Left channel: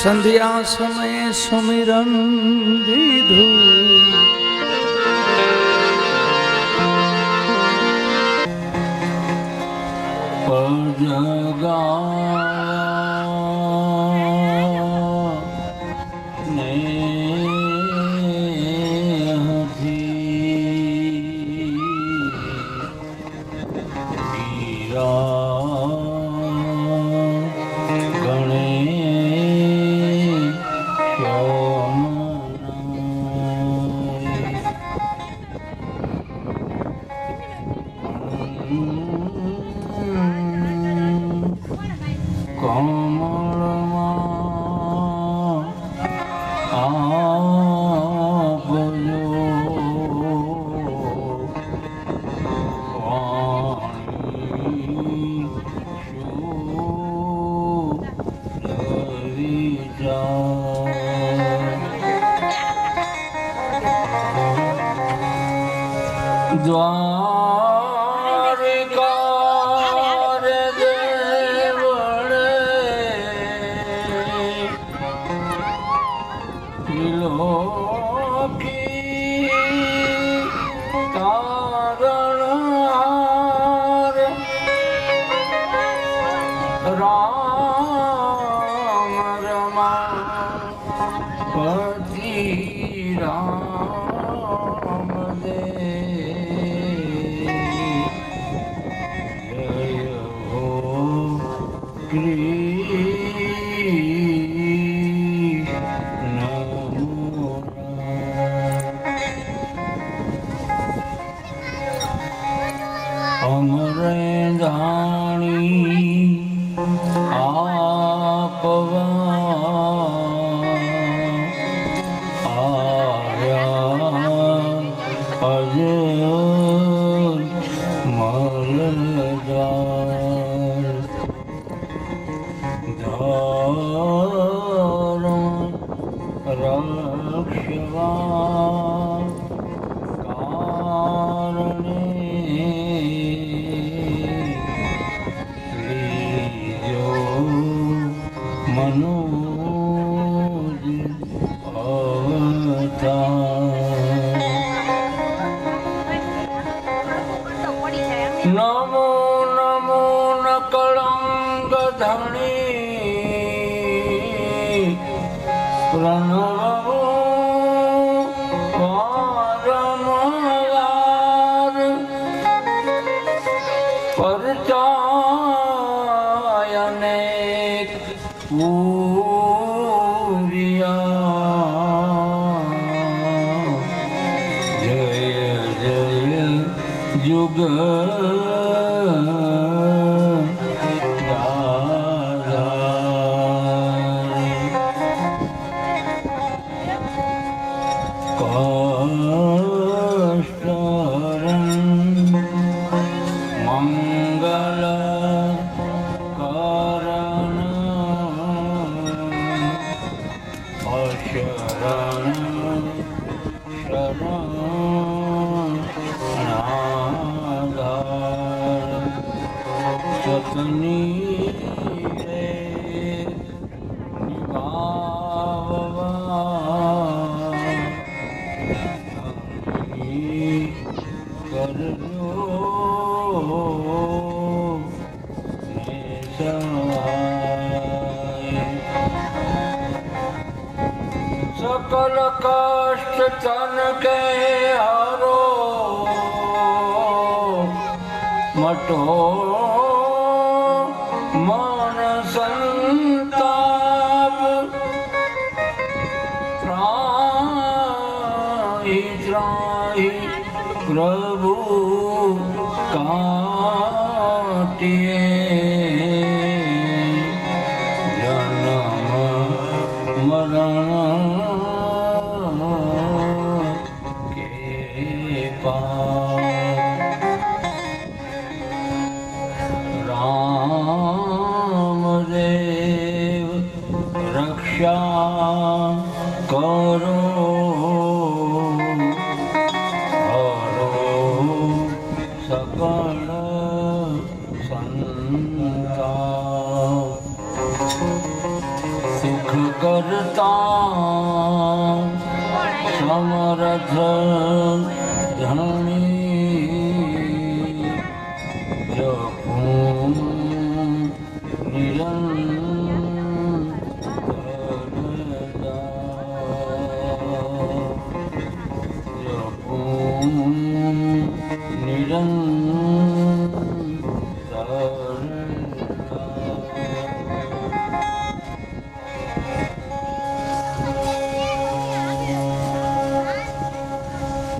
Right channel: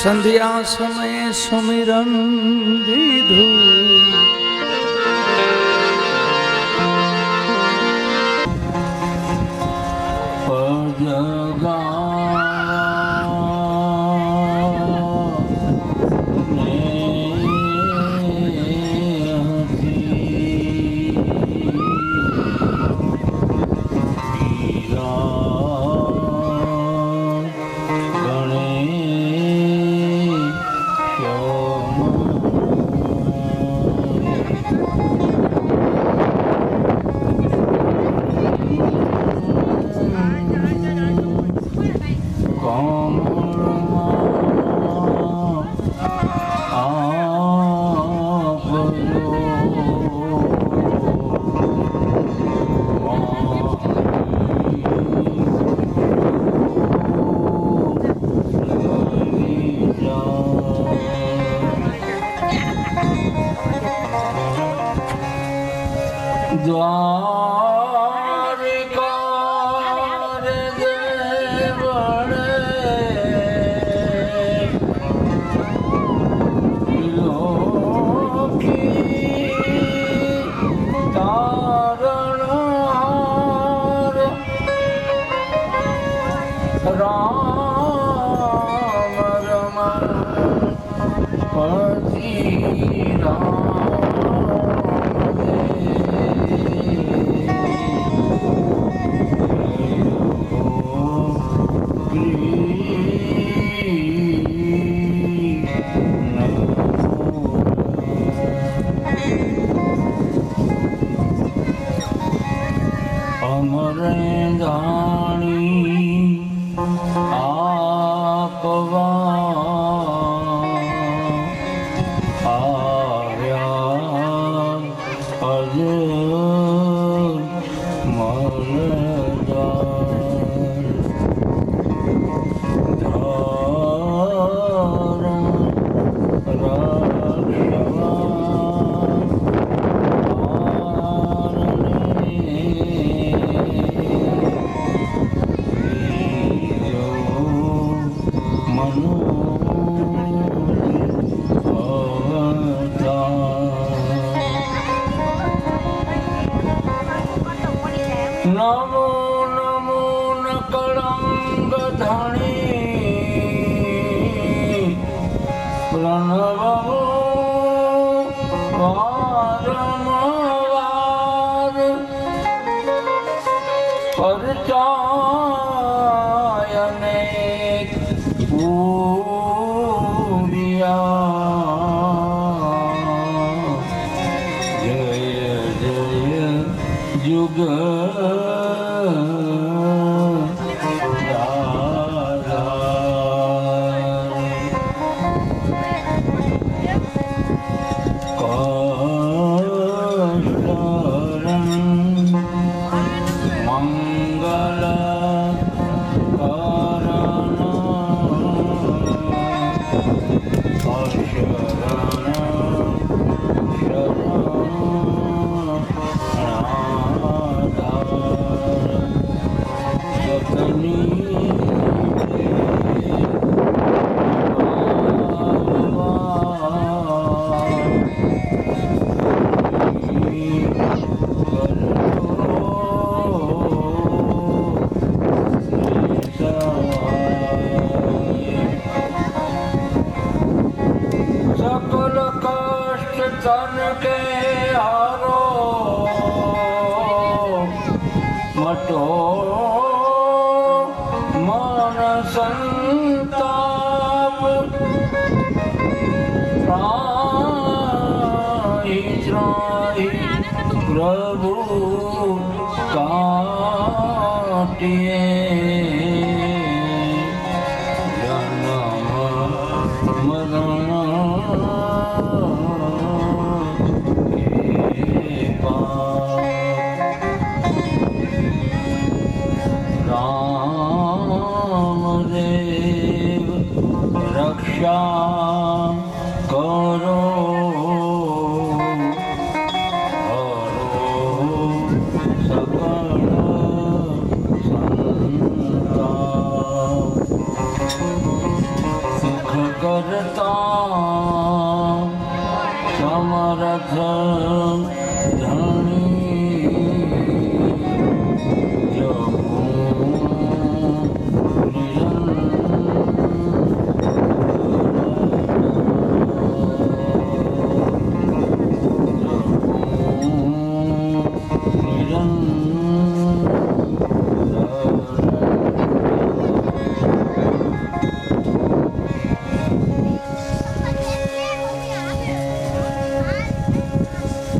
સંધ્યા સમયે સુમિરન દીધું નમો નમો નકળંગ ધણી પ્રણવો વારંવાર પરચાયને પૂર્યા જય જય યુગ सकल कष्ट तन के हारो मटो मन संताप त्राहि त्राहि प्रभु काटिए जन्म मरण रामदेव रक्षा करो हरो सकल संताप કરતા સમરથ ધણી જપું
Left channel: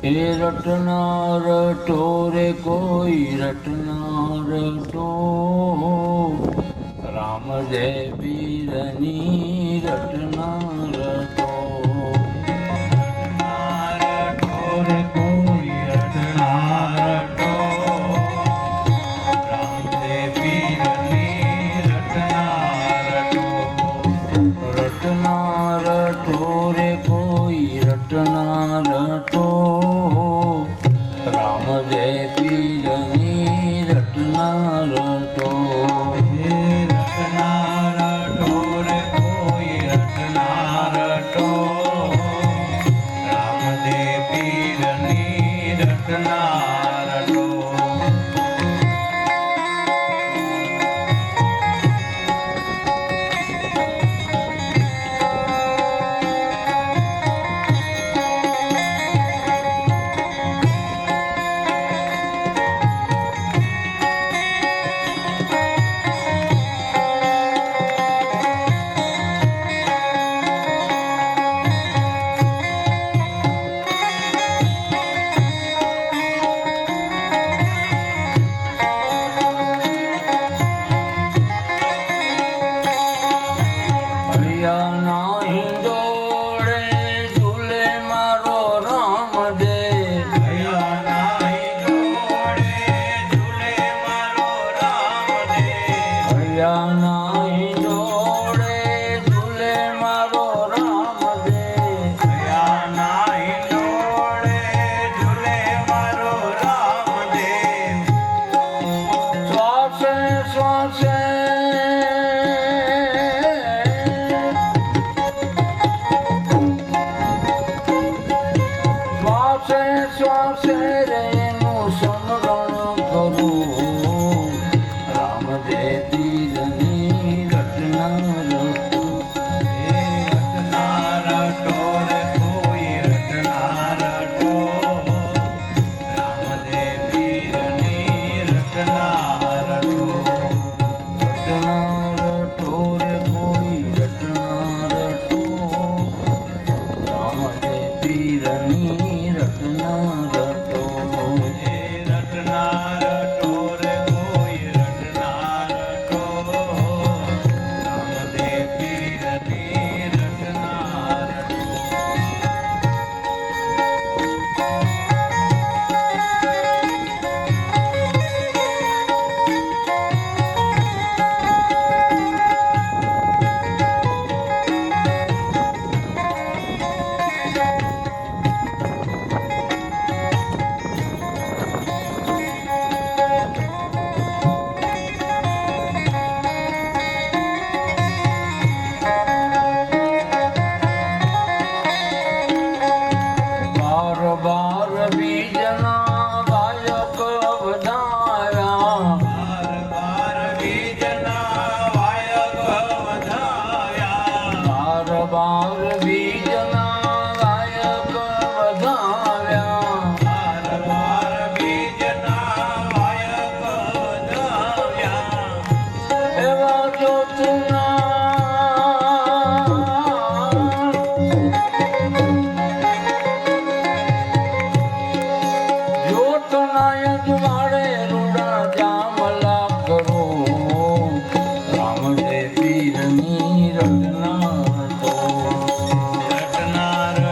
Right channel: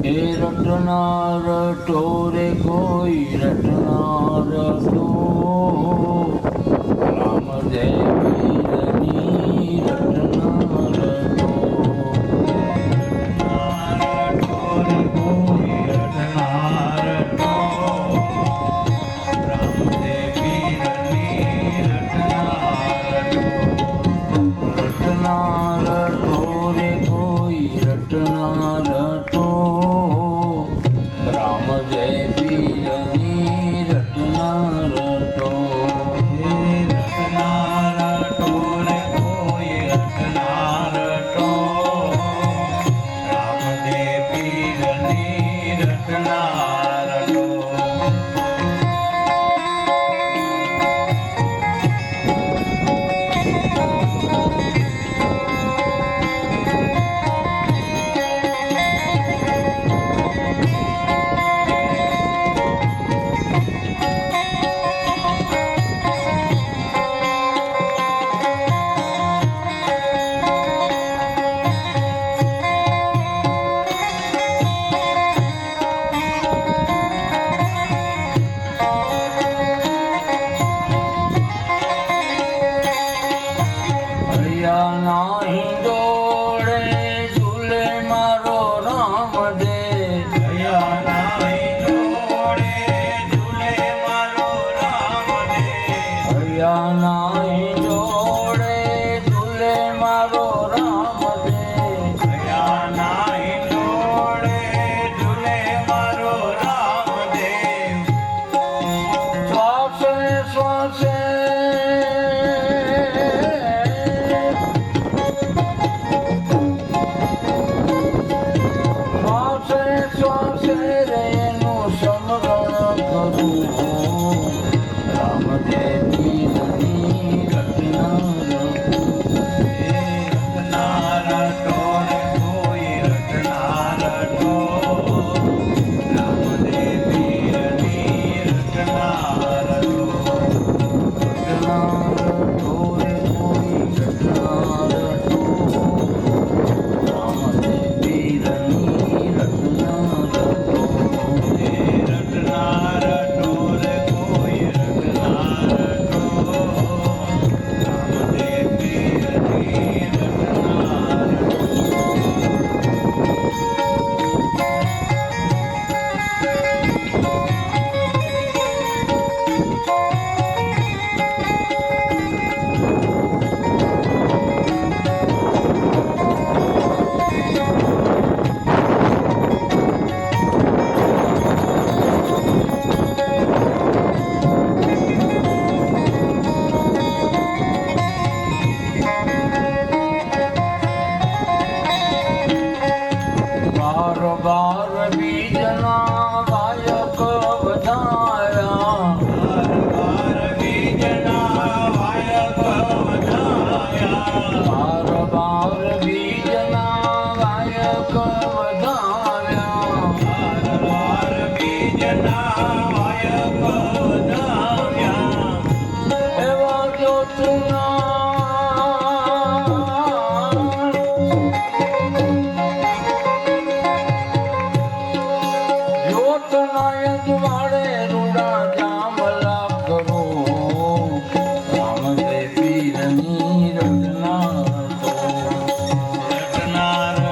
એ રટનાર ટોરે કોઈ રટનાર ટો રામ જય વીરની રટનાર ટો ટોરે કોઈ રટનાર ટો રામ જય વીરની રટનાર ટો રટનાર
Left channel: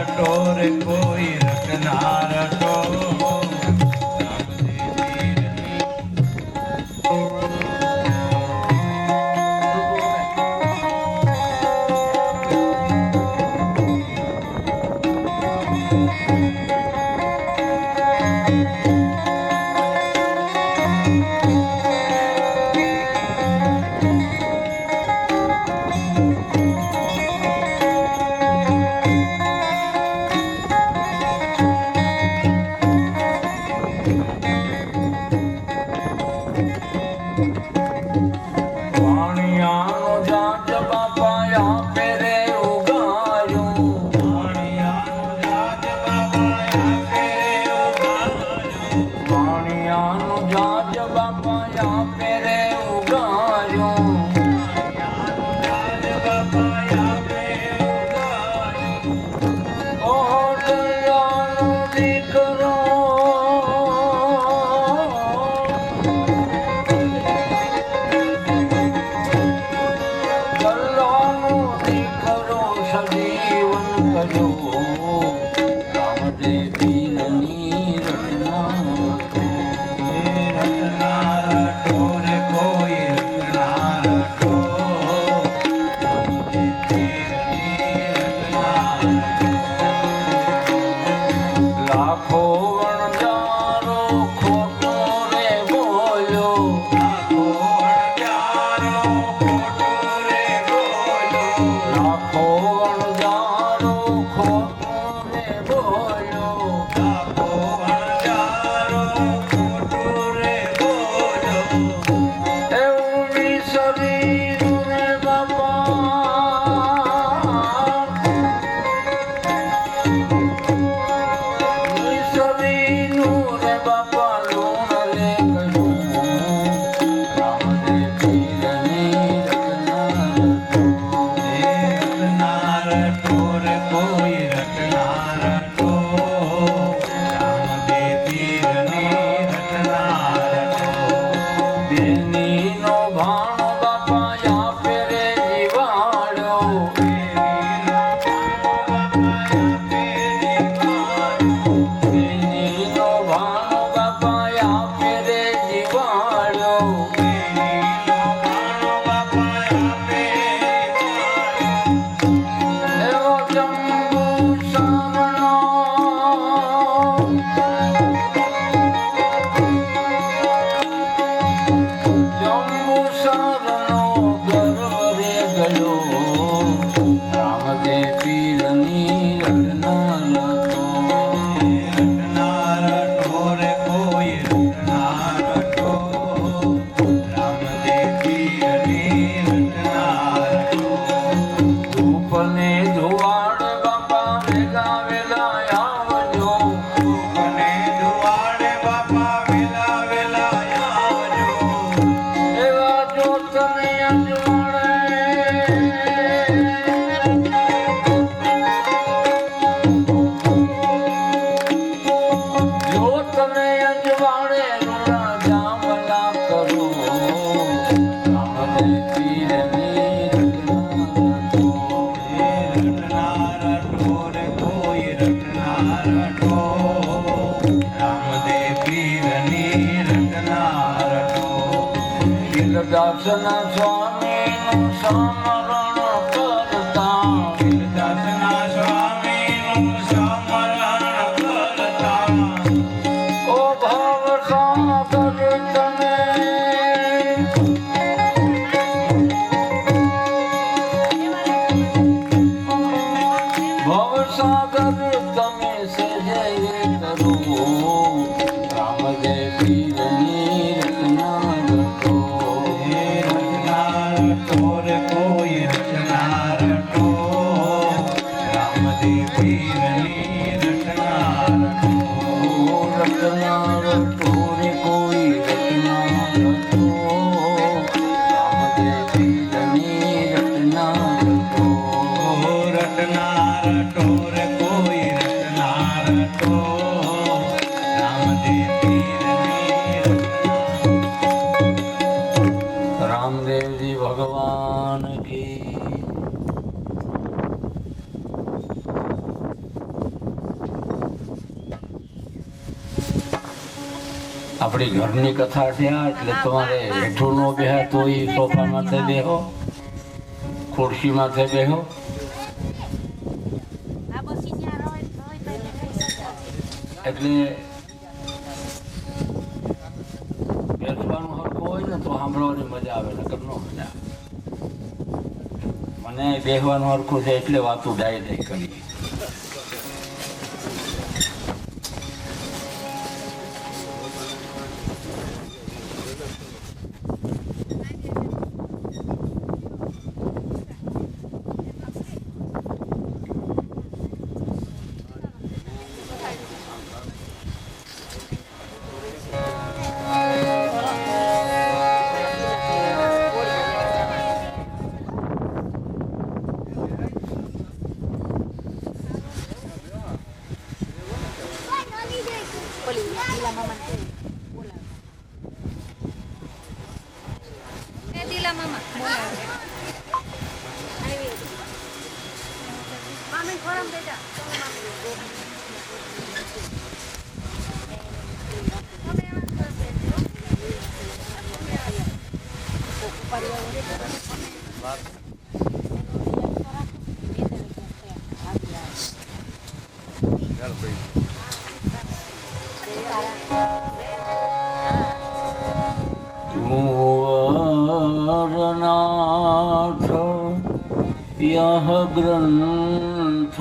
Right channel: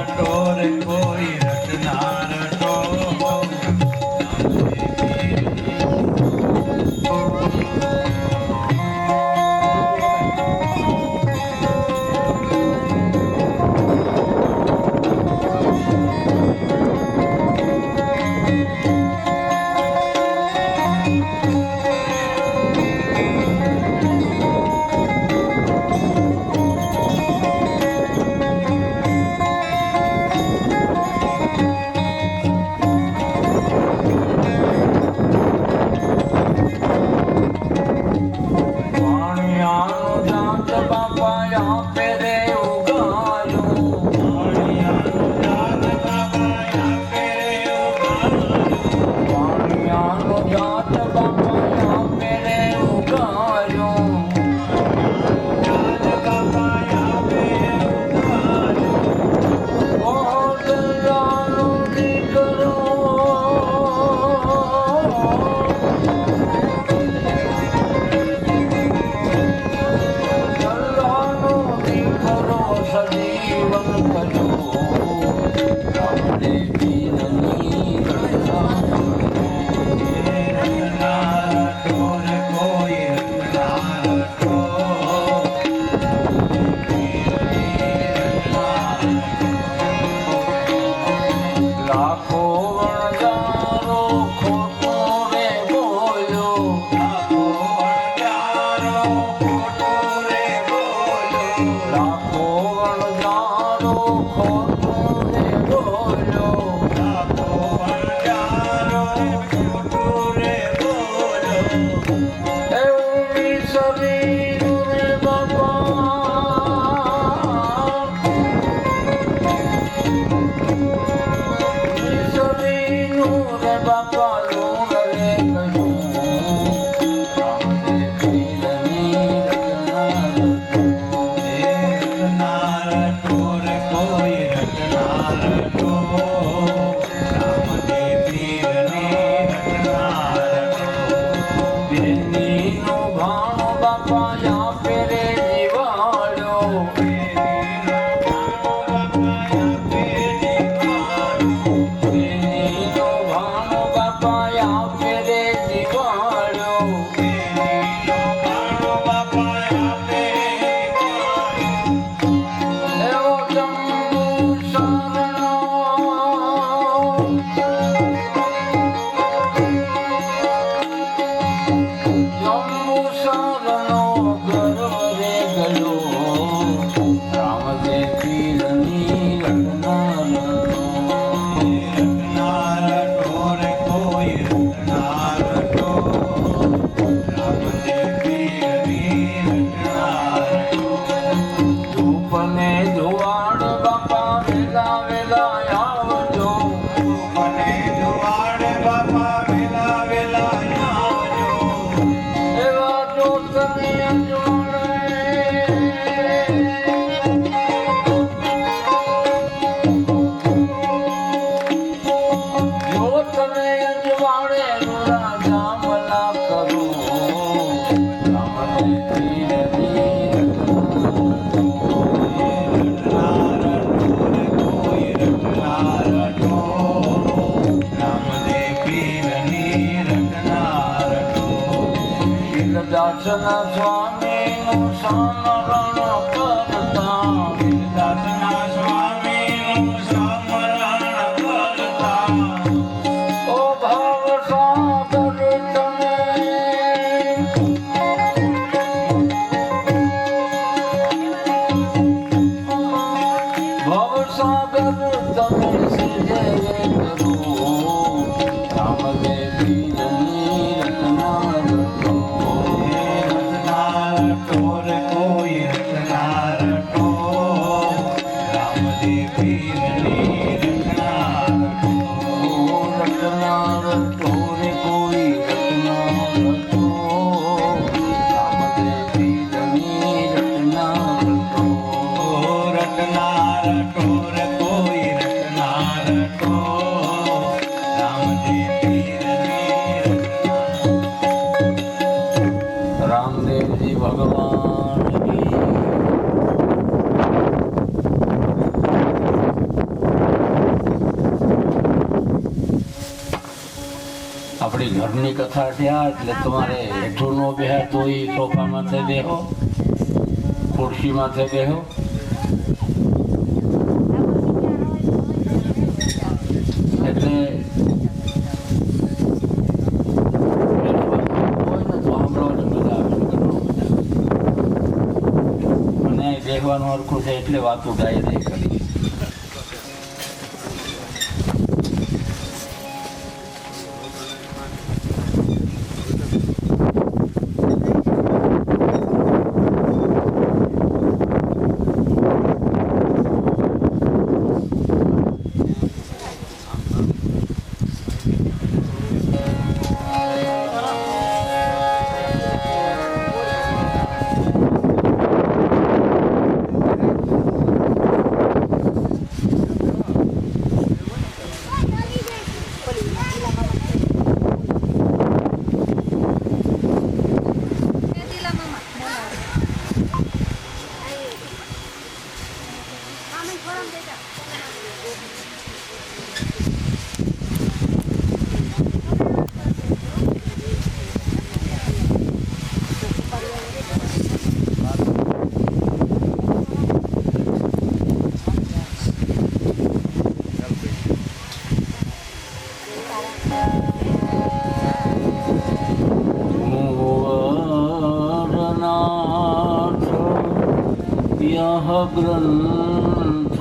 ટોરે કોઈ રટનાર ટો સમરણ કરતા વીરદાસના સ્વામીનું સમરણ કરતા ઓ ભાવ સાગર તમે ભવસાગર તમે સજય કરો રામદેવ પીરની રચના રટો રટનાર ટોર કોઈ રટનાર ટો રામદેવ પીરની રટનાર ટો રટનાર ટોરે કોઈ રચના રટો રામદેવ પીરની રચના રટો રટનાર ટોર કોઈ રટનાર ટો રામદેવ પીરની રટના રામદેવજી ભગવાન કી આપણી ઘરની કથા થયા એટલે તમારે હેઠું નો બેહા તો એ સોફા માથે બેહો ખુરશી માથે બેહો એટલે બેસવાનું હોય ને તો સાંભળવાની મજા આવે છે ઘણો મજા આવે મને બેસવાનું હરખું છે એટલે વાતું જાય નહીં કરી મુવરનાથ યહ ગ્રંથ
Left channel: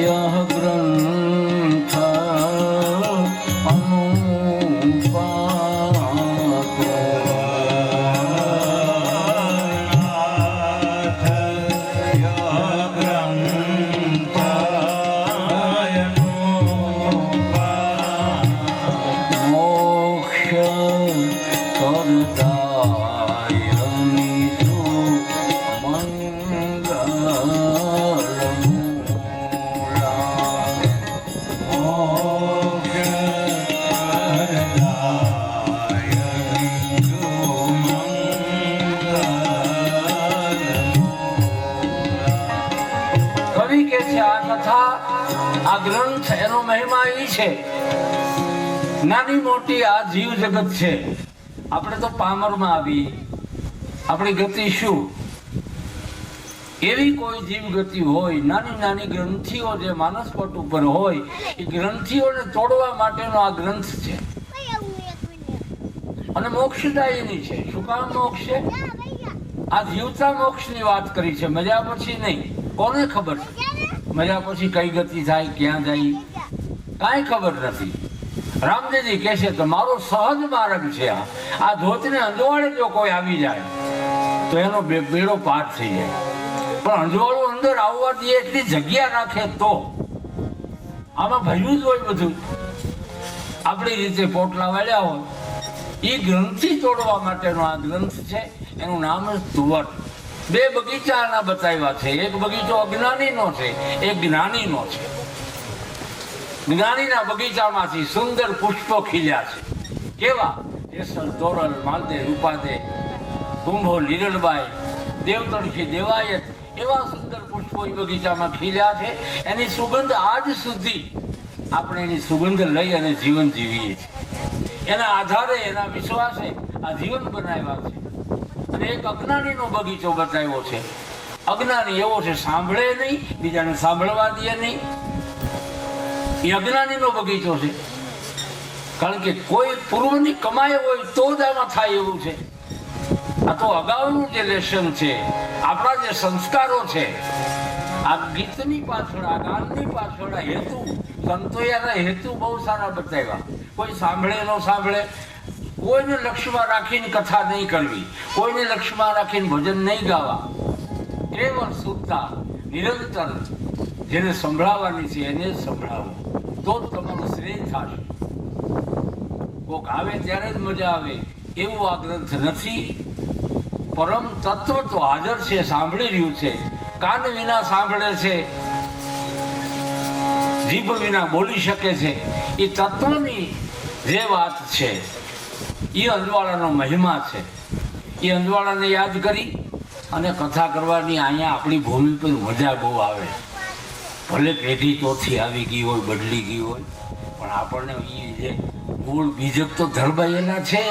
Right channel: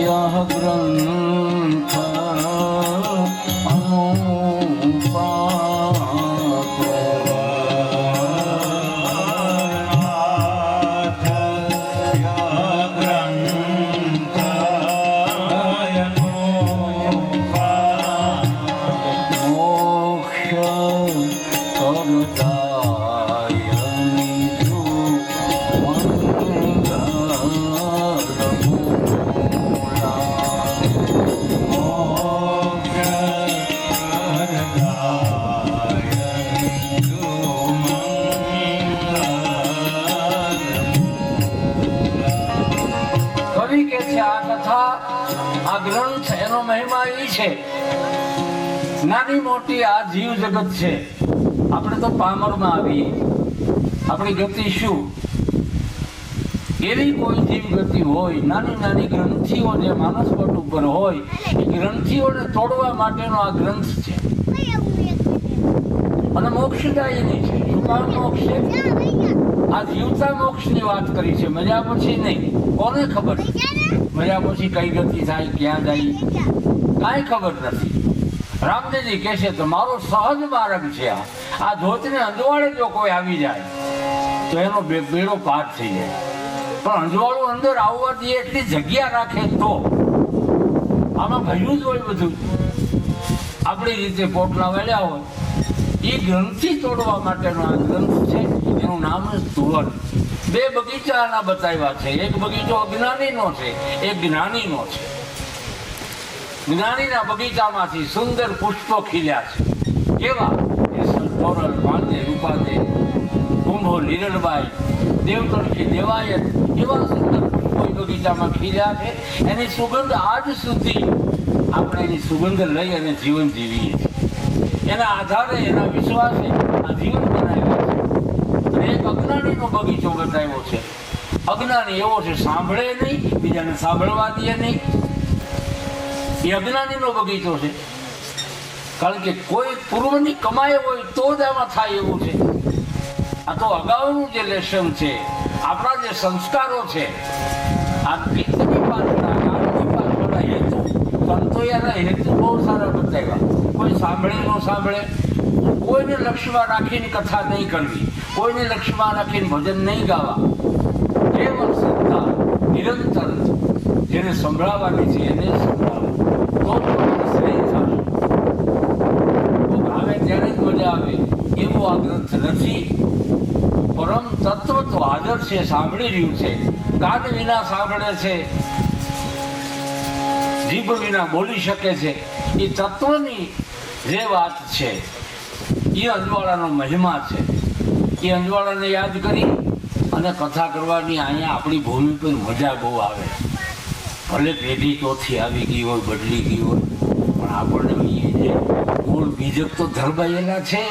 यह ग्रंथ આ ગ્રંથ એનો મહિમા એ છે, નાની મોટી આ જીવ જગત છે. આપણે તો પામરમાં આવી, આપણી ગતિ શું? એવી કોઈ જીવ ગતિ હોય, નાની નાની ગ્રંથિઓ જે માનસપટ ઉપર હોય, એ ગ્રંથિઓને તોડવા માટેનો આ ગ્રંથ છે. અને મોક્ષદાયીની છે. શું કામ મોક્ષ છે? આ જીવતા મોક્ષની વાત કરી છે, મર્યા પછી નહીં. કોને ખબર છે મર્યા પછી કઈ ગતિ થાય, ક્યાં જાય, કાંઈ ખબર નથી. રામદેવજી કહે છે તો મારો સહજ માર્ગ છે. આ ધોતને અંજવાળે જો કોઈ આવી જાય તો એનો બેડો પાર થઈ જાય. પણ અંજવાળું અંદર આવવાથી એટલી જગ્યા રાખે તો આમાં ભર્યું જ હોય બધું. આપણી રીતે પોટલા વાળ્યા હોય. એ ગ્રંથિ તોડવા માટેનો આ ગ્રંથ છે. એનું નામ જ તુવર. બે બગીચાના બતાવ્યા છે. એક બગીચો અજ્ઞાનીનો છે, એક જ્ઞાનીનો છે. જ્ઞાનીના બગીચામાંથી સુંદર પુષ્પો ખીલ્યા છે. કેવા? કેસર, તોરલ, માંદે, રૂપાદે, કુંભો, લીરલબાઈ, દેવતર્ષિ, દેવાયત, એવા સુંદર પુષ્પો એ બગીચામાં ખીલ્યા છે. એની સુગંધ આજ સુધી આપણે એની સુગંધ લઈ અને જીવન જીવીએ છીએ. એના આધારે, એના વિશ્વાસે આ જીવન બનાવ્યા છે. અને એક અજ્ઞાનીનો બગીચો બતાવ્યો છે. અજ્ઞાની એવો છે, સાંભળે નહીં, બીજાને સાંભળવા દે નહીં. એ અજ્ઞાનીનો બગીચો છે. કારણ કે કોઈ પૂર્વની કમાઈ હોય તો જ આમાં થાય એવું છે. આ તો અગાઉનું જે લેશન છે, આપણા જે સંસ્કારો છે, આ ગીતની પાછળ, આ ગાનની પાછળ હેતુ, સંતોયાના હેતુ બહુ સારા બતાવ્યા. કોઈ સાંભળે ન સાંભળે, કોઈને લક્ષ્યમાં રાખીને કથા નહીં કરવી, કોઈને લક્ષ્યમાં રાખીને ભજન નહીં ગાવા. કેવળ સત્તા નિરંતર જેને સંભળાવવાની છે એને જ સંભળાવો, તો જ તમારું શ્રેય થશે. કોક આવે ત્યારે જ મજા આવે એવું આ ગ્રંથ નથી. પરમ તત્વ તો હાજર છે, સાંભળી રહ્યું છે. કાન વિના સાંભળે છે, જીભ વિના બોલી શકે છે. એ તત્વની જે વાત છે એ અંજવાળાનો મહિમા છે. એ અંજવાળાને યાદ કરી અને કથા કરવાની અહીંયા આપણી ભૂમિ પર મજા બહુ આવે. ભલે પેઢી ચોથી આવી ગઈ હોય, બદલી ગઈ હોય, પણ આપણને જે મૂળ બીજક તો ધરબાયેલા છે.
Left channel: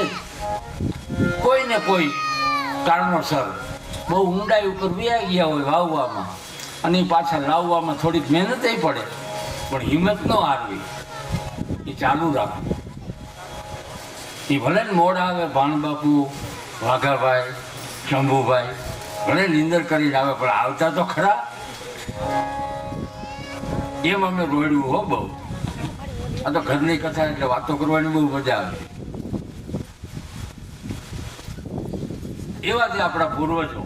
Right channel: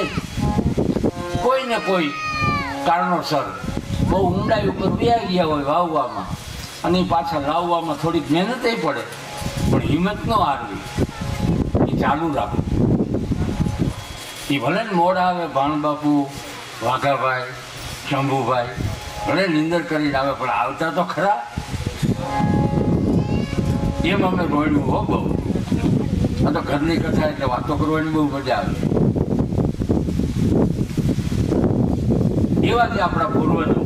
કોઈ ને કોઈ કારણોસર બહુ ઊંડાઈ ઉપર વ્યા ગયા હોય વાવવામાં, અને પાછા લાવવામાં થોડીક મહેનત પડે, પણ હિંમત ન હારવી, એ ચાલુ રાખવું. એ ભલે ને મોડ આવે, ભાણબાપુ, વાઘાભાઈ, શંભુભાઈ ભલે નિંદર કરીને આવે, પણ આવતા તો ખરા. એમ અમે રોડ્યું હો બહુ. આ તો ઘરની કથા એટલે વાતો કરવાની બહુ મજા આવે. એવા જે આપણા પૂર્વજો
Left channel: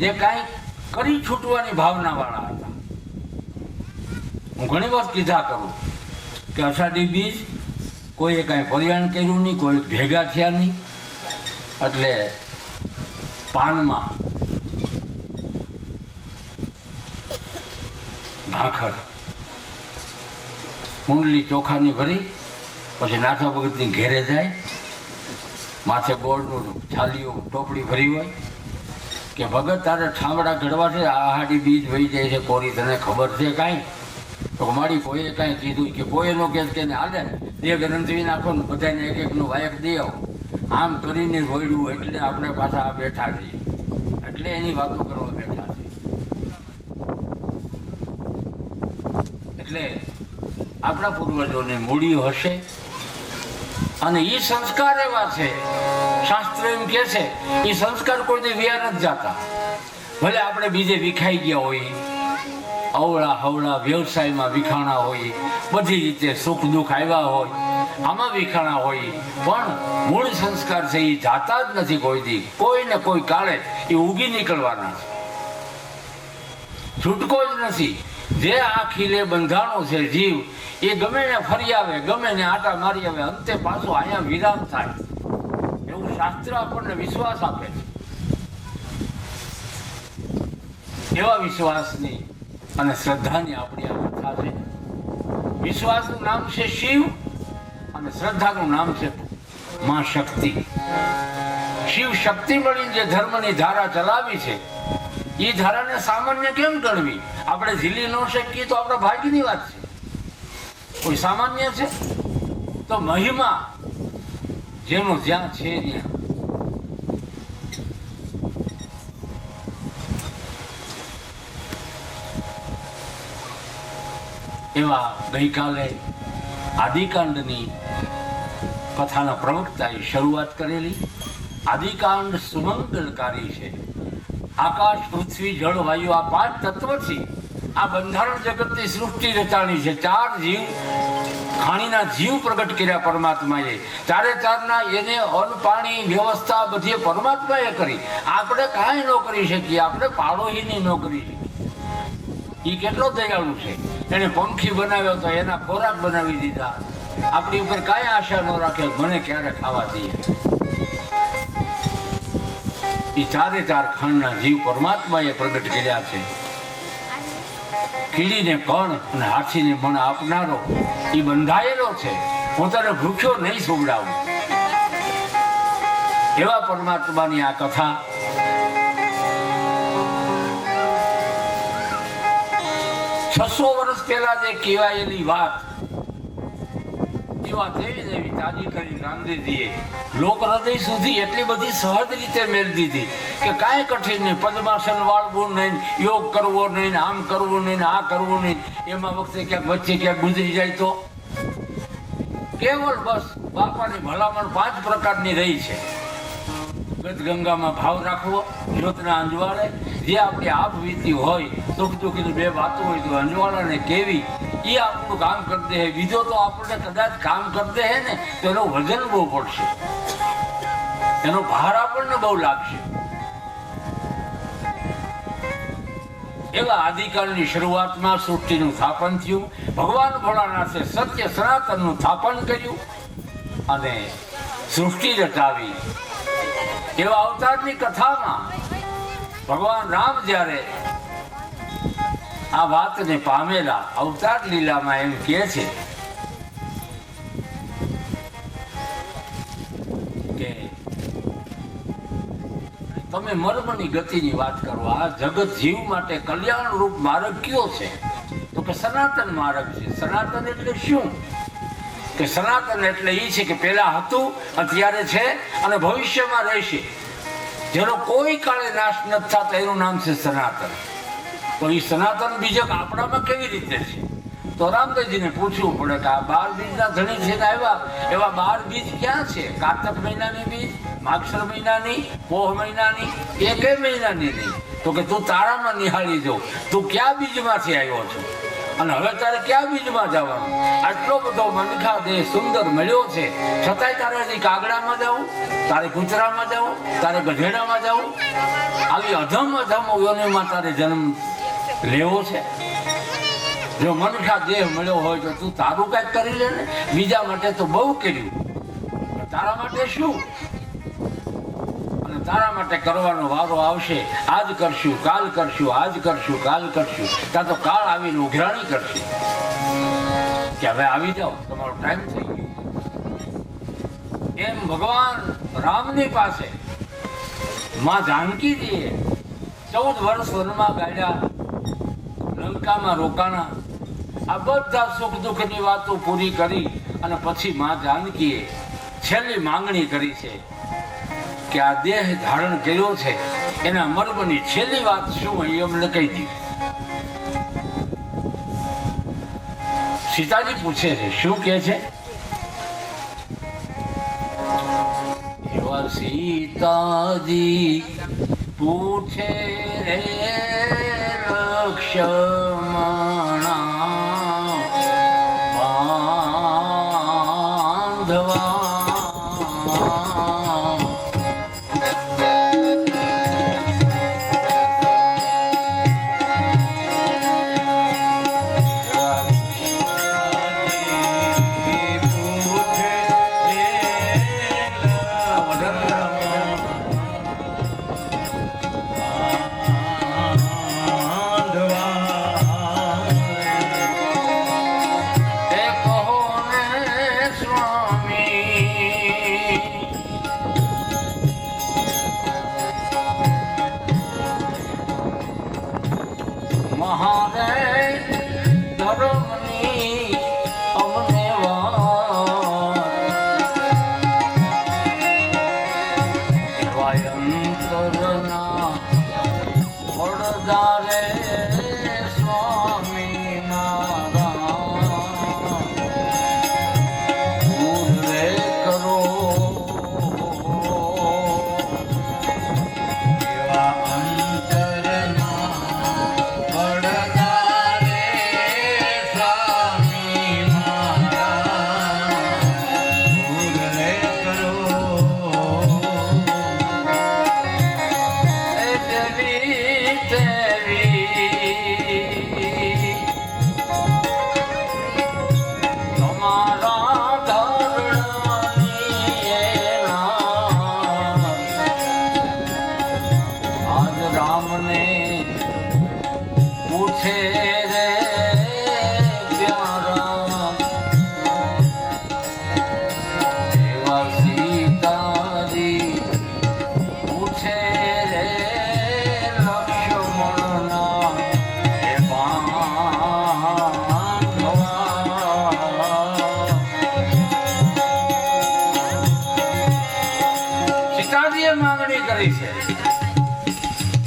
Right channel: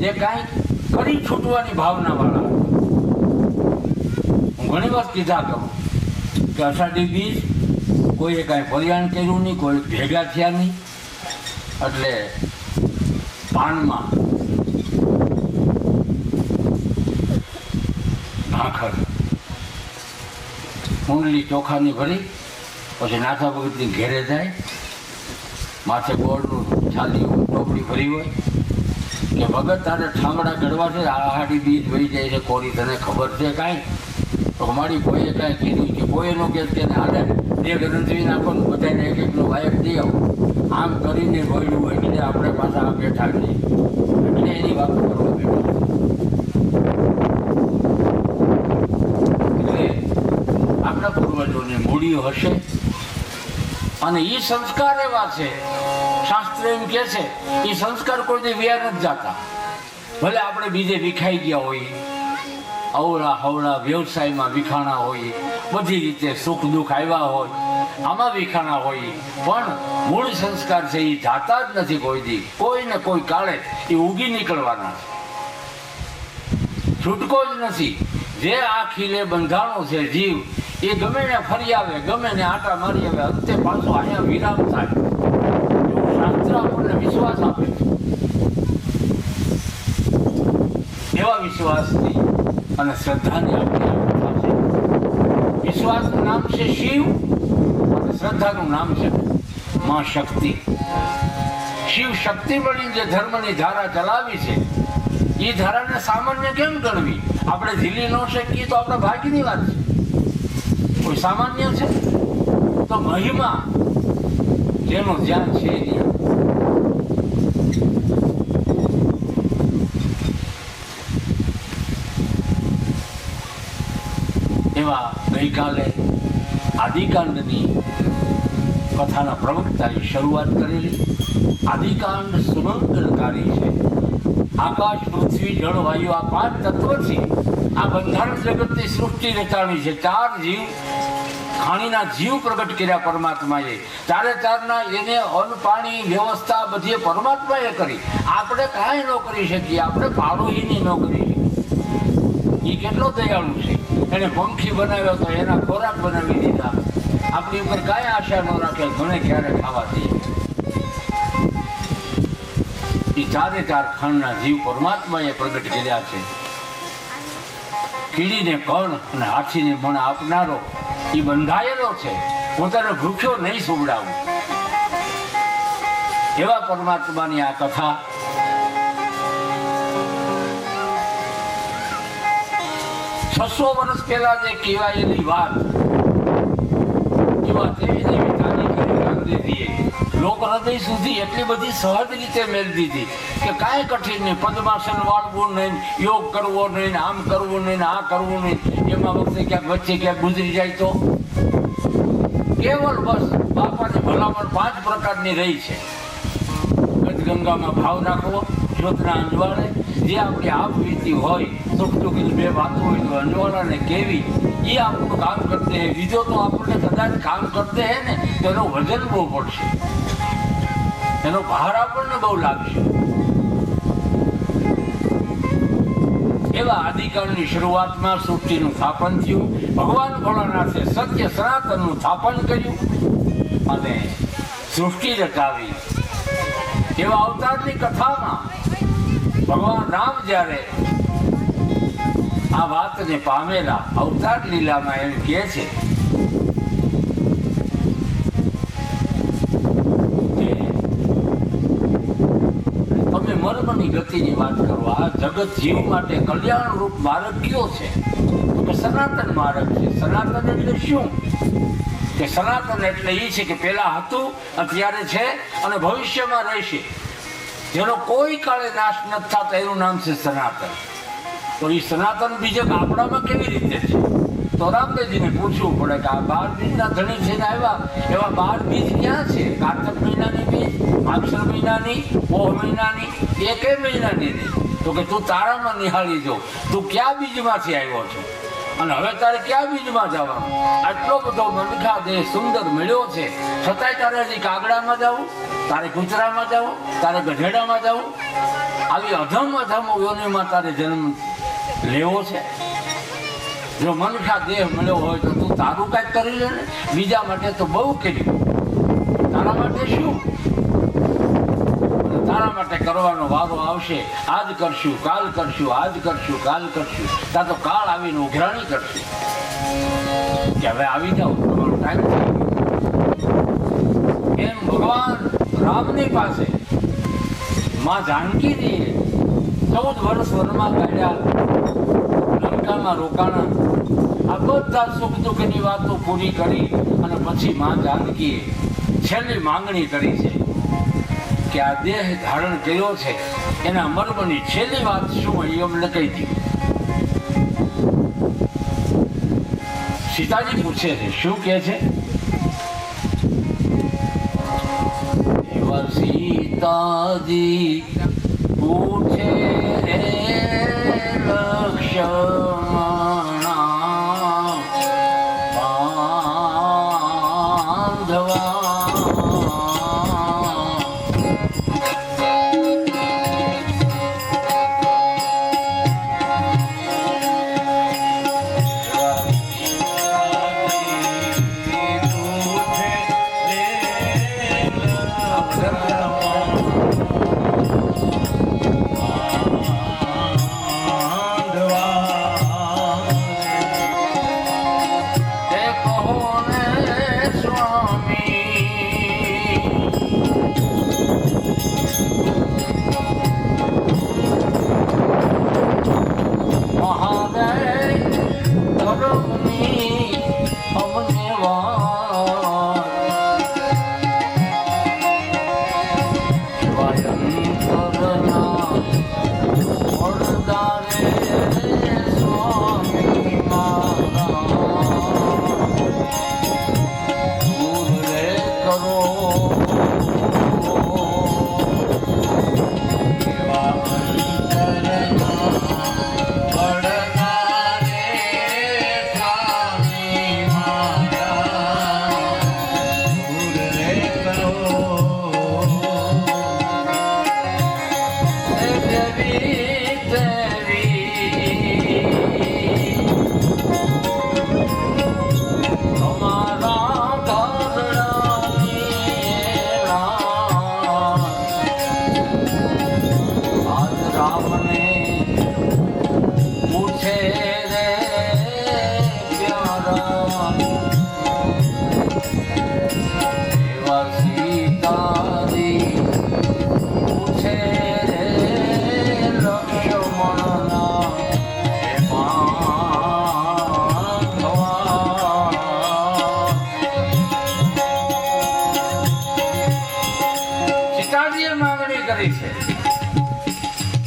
જે કાંઈ કરી છૂટવાની ભાવના વાળા હતા. હું ઘણી વાર કીધા કરું કે અષાઢી બીજ કોઈએ કાંઈ કલ્યાણ કર્યું નહીં, કોઈ ભેગા થયા નહીં, એટલે પાનમાં ભાખર કુંડલી ચોખાની ભરી પછી નાથા ભગતની ઘેરે જાય. માથે ગોળનું છાલિયું ટોપડી ભરી હોય કે ભગત તારે ઠામડા ઘડવા છે, આહાડી બીજ વહી જાય છે, કોરી તને ખબર છે કાંઈ? તો મારી કોઈએ કાંઈ કીધું કે કોઈ નો કે તેને હાલે બે ગ્રંથવી નાખો ને બધાને એક એકનું વાયક દઈ આવો. આમ કરીને રોયડું એટલે આપણે પાછા આ બેઠા છીએ, એટલે એની વાતો કરવા બેઠા છે. એટલે આપણા પૂર્વજોની મૂડી હશે. અને એ સંસ્કાર એવા છે, શાસ્ત્ર એમ કે છે એ સંસ્કાર કોઈને વ્યા નથી જતા. ભલે આપણે બીજે વિખાઈ ગયા હોય, અવળા હવળા વ્યવસાયમાં વિખાણા હોય, બધી રીતે સુખ દુઃખ આવ્યા હોય, આમાં વિખાણા હોય, પણ મૂળ સંસ્કાર છે એ જાતા જ નથી કોઈ દી. કોઈ ને કોઈ કાળે એ ઉગી નીકળવાના, છૂટકો જ નથી. જે આ ખીલે બંધાણો છે જીવ, એ ગમે ને ફરી આવે, ગમે ને આટા મારી આવે, અંતે પાછો અહીંયા વિરામ થાય એવું શાસ્ત્ર આપણને વિશ્વાસ આપે. એવા વિશ્વાસની અને શ્રદ્ધાની આપણી આ કથા છે. વિશ્વાસનું નામ છે શિવ અને શ્રદ્ધાનું નામ છે માં શક્તિ. શિવ શક્તિ બની જે ધર્મની ધારા ચલાવી છે, એ ધારાને સામાન્ય કેમ ગણવી? આપણે ઝીલી ન શકીએ તો આપણે ભાગ્યની વાત છે. કોઈ સામાન્ય છે તો મહિમા જેનો જ્યાં છે એવા ગઈકાલે આદિકાંડની કથાના પ્રવક્તાએ શરૂઆત કરેલી. આદિકાંડ સુમંગલકારી છે. આકાશ, પૃથ્વી, જળ, વાયુ આ 5 તત્વથી આ બંધારણ જગતની સૃષ્ટિ રચાણી છે. 4 જીવ, ખાણીના જીવ પ્રગટ કર્યા પરમાત્માએ. 4ના એને અન્ન પાણી વ્યવસ્થા બધી પરમાત્માએ કરી. આપણે કાંઈ ન કરી શકીએ, આપણે પાડોશીની ન કરી શકીએ. એ કેટલો દયાળુ છે. એને પંખી બનાવ્યો તો એના ખોરાક બનાવી દીધા. આપણી ઉપર કાંઈ આશા ન રાખે, મને ક્યારે ખાવા દઈએ. એ 4 ખાંડના જીવ પરમાત્માએ પ્રગટ કર્યા છે. કીડીને કણ અને હાથીને મણ આપનારો એ બંધાયેલો છે. હું તને ભૂખ્યો નહીં સુવડાવું. એવા પરમાત્માની આ કથા છસો વર્ષ પહેલા જે કહેવાયેલી વાત, એવા દેવી દેવી તાજી કરી ગાંધીજીએ લોક હૃદય સુધી એટલી બધી સહજ રીતે મેળવી દીધી કે કાંઈ કઠિન નહીં. પદ્માસન વાળવું નહીં, યોગ કરવો નહીં, આમ કરવું નહીં, આ કરવું નહીં. એમાં વખતે ક્યાંક વચ્ચે ક્યાંક ગુજરી જાય તો કેવળ બસ બાપાની ભલામણ 5 પ્રકારની રહી છે. ગંગામાં ભાવ રાખવો, જ્યોતના અંજવાળે જે આપણી આપ વીતી હોય, દુઃખ દુઃખની 2 વાતો હોય તો અંજવાળાને કેવી, એ આપણું કામ કરતે હે. બીજો તો આપણને કદાચ કામ કરતે હે ને તો એનો વજન બહુ પડશે, એનો ભાર આપણને બહુ લાગશે. એવા આદિકાળની શરૂઆતમાં સૃષ્ટિનું સ્થાપન થયું. ભગવાન ભોળાનાથે સત્ય સનાતનનું સ્થાપન કર્યું અને સૃષ્ટિ રચાવી. એવા અવતારની કથામાં ભગવાન રામ જ્યારે આ વાતને પામેલા, અવતાર લીલામાં એમ કહે છે કે તમે મર્મની ગતિની વાત કરો. આ જગત જીવ માટે કલ્યાણ રૂપ માર્ગ કયો છે? તો કે સનાતન માર્ગ છે. સનાતન એટલે શું? કે સનાતન એટલે એ છે કે પેલા હતું, અત્યારે છે અને ભવિષ્યમાં રહેશે, જેનો કોઈ કાળે નાશ નથી થતો. એનું નામ છે સનાતન. તો એ સનાતન બીજક આપણામાં કેવી રીતે છે? તો રામદેવજીને પૂછવું પડે કે આ 12 બીજના ધણી છે આવ્યા, એવા 12 બીજ ક્યાં છે? કારતક મહિનાની બીજ, માગસર મહિનાની, પોહ મહિનાની, એકે મહિનાની નહીં. તો કે તું તારામાં નિહાળી જો, તું ક્યાં બીજમાંથી આવ્યો છો અને હવે તારે ક્યાં બીજમાં જવાનું? આટલો બધો મનખા દેહ સુંદર મળ્યો છે, છતાંય તારે હજી કાગડામાં જવું, તારે કૂતરામાં જવું, તારે ગધેડામાં જવું, આવી અધમ યોનિમાં તારે જન્મ લેવો છે. જો મનખા દેહ મળ્યો હોય તો તું તારું કાંઈક કરી લે ને. બીજા માટે તો બહુ કર્યું, તારા માટે શું? તારા માટે કરવાનો વારો આવશે. આજ કરશું, કાલ કરશું, આજ કરશું, કાલ કરશું. ત્યાં તો કાળ આવીને ઉઘરાણી કરશે કે હવે આવી જાઓ, તમારો ટાઈમ થઈ ગયો. એમ ભગવાન રામની પાસે માં જાનકીજીએ 14 વર્ષ વનમાં કાઢ્યા, લંકામાં રોકાણા. આ બધા સુખ દુઃખની વાતો પૂરી કરી અને પછી માં જાનકીએ છેલ્લી માંગણી કરી છે કે આ દેહ ધારણ કર્યો છે એના મર્મની છેલ્લી વાત શું એ અમને કહી દીધી. સીતાજી પૂછે છે, શું કહે છે? એવા સીતાજી પૂછે રે લક્ષ્મણ રમણા બાંધવા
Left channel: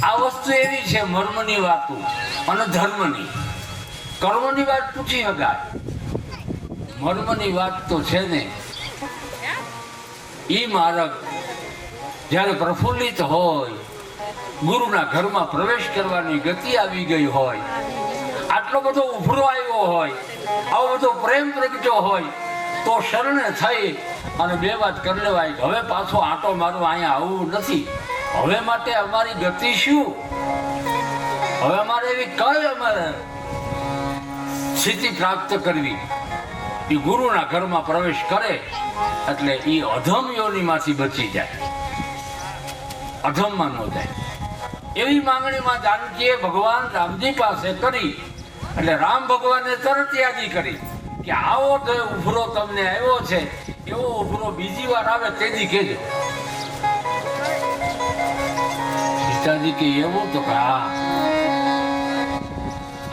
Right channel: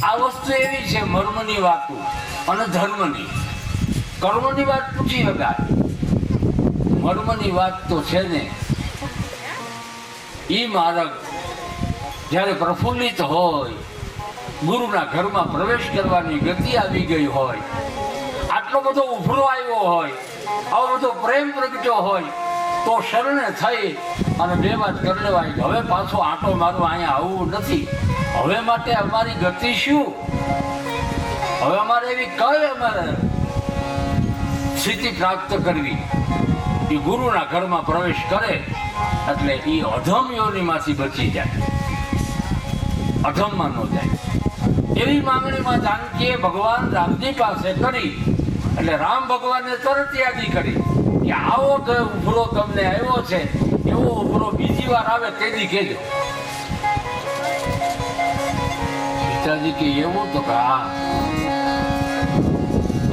આ વસ્તુ એવી છે મર્મની વાતો અને ધર્મની. કર્મની વાત પૂછી શકાય, મર્મની વાત તો છે ને ઈ માર્ગ જ્યારે પ્રફુલ્લિત હોય, ગુરુના ઘરમાં પ્રવેશ કરવાની ગતિ આવી ગઈ હોય, આટલો બધો ઉભરો આવ્યો હોય, આવો બધો પ્રેમ પ્રગટ્યો હોય, તો શરણે થઈ અને બે વાત કરી લેવાય. હવે પાછો આંટો મારવા અહીંયા આવવું નથી. હવે માટે અમારી ગતિ શું? હવે અમારે એવી કઈ અમારે સ્થિતિ પ્રાપ્ત કરવી? એ ગુરુના ઘરમાં પ્રવેશ કરે એટલે એ અધમ યોનિમાંથી બચી જાય, અધમમાં ન જાય. એવી માંગણીમાં જાનકીએ ભગવાન રામજી પાસે કરી એટલે રામ ભગવાનને તરત યાદી કરી કે આવો તો ઉભરો તમને આવ્યો છે, એવો ઉભરો બીજી વાર આવે તેથી કહેજો. સીતાજી કે એવું તો કે હા,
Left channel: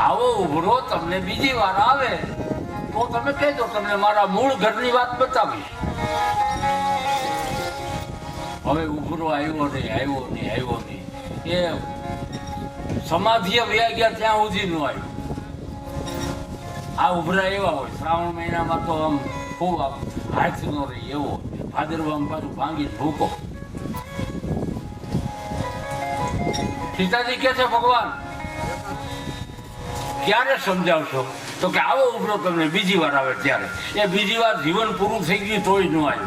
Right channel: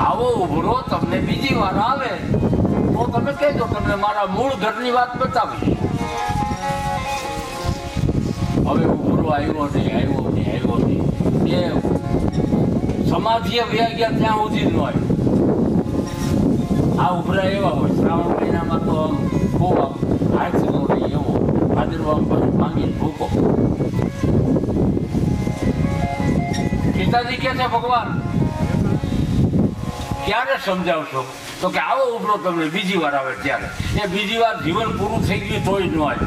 આવો ઉભરો તમને બીજી વાર આવે તો તમે કહેજો, તમને મારા મૂળ ઘરની વાત બતાવી. હવે ઉભરો આવ્યો નહીં એ સમાધિએ વ્યા ગયા ત્યાં સુધી ન આવ્યો. આ ઉભરા એવા હોય શ્રાવણ મહિનામાં તો આમ ખૂબ હાથ નો રહી એવો, ભાદરવામાં બધું ભાંગીને ભૂકો. સીતાજી કે છે ભગવાન ક્યારે સમજાવશો? તો કે આવો ઉભરો તમને બીજી વાર આવે ત્યારે. એ બીજી વાર જીવન પૂરું થઈ ગયું તોય ન આવે.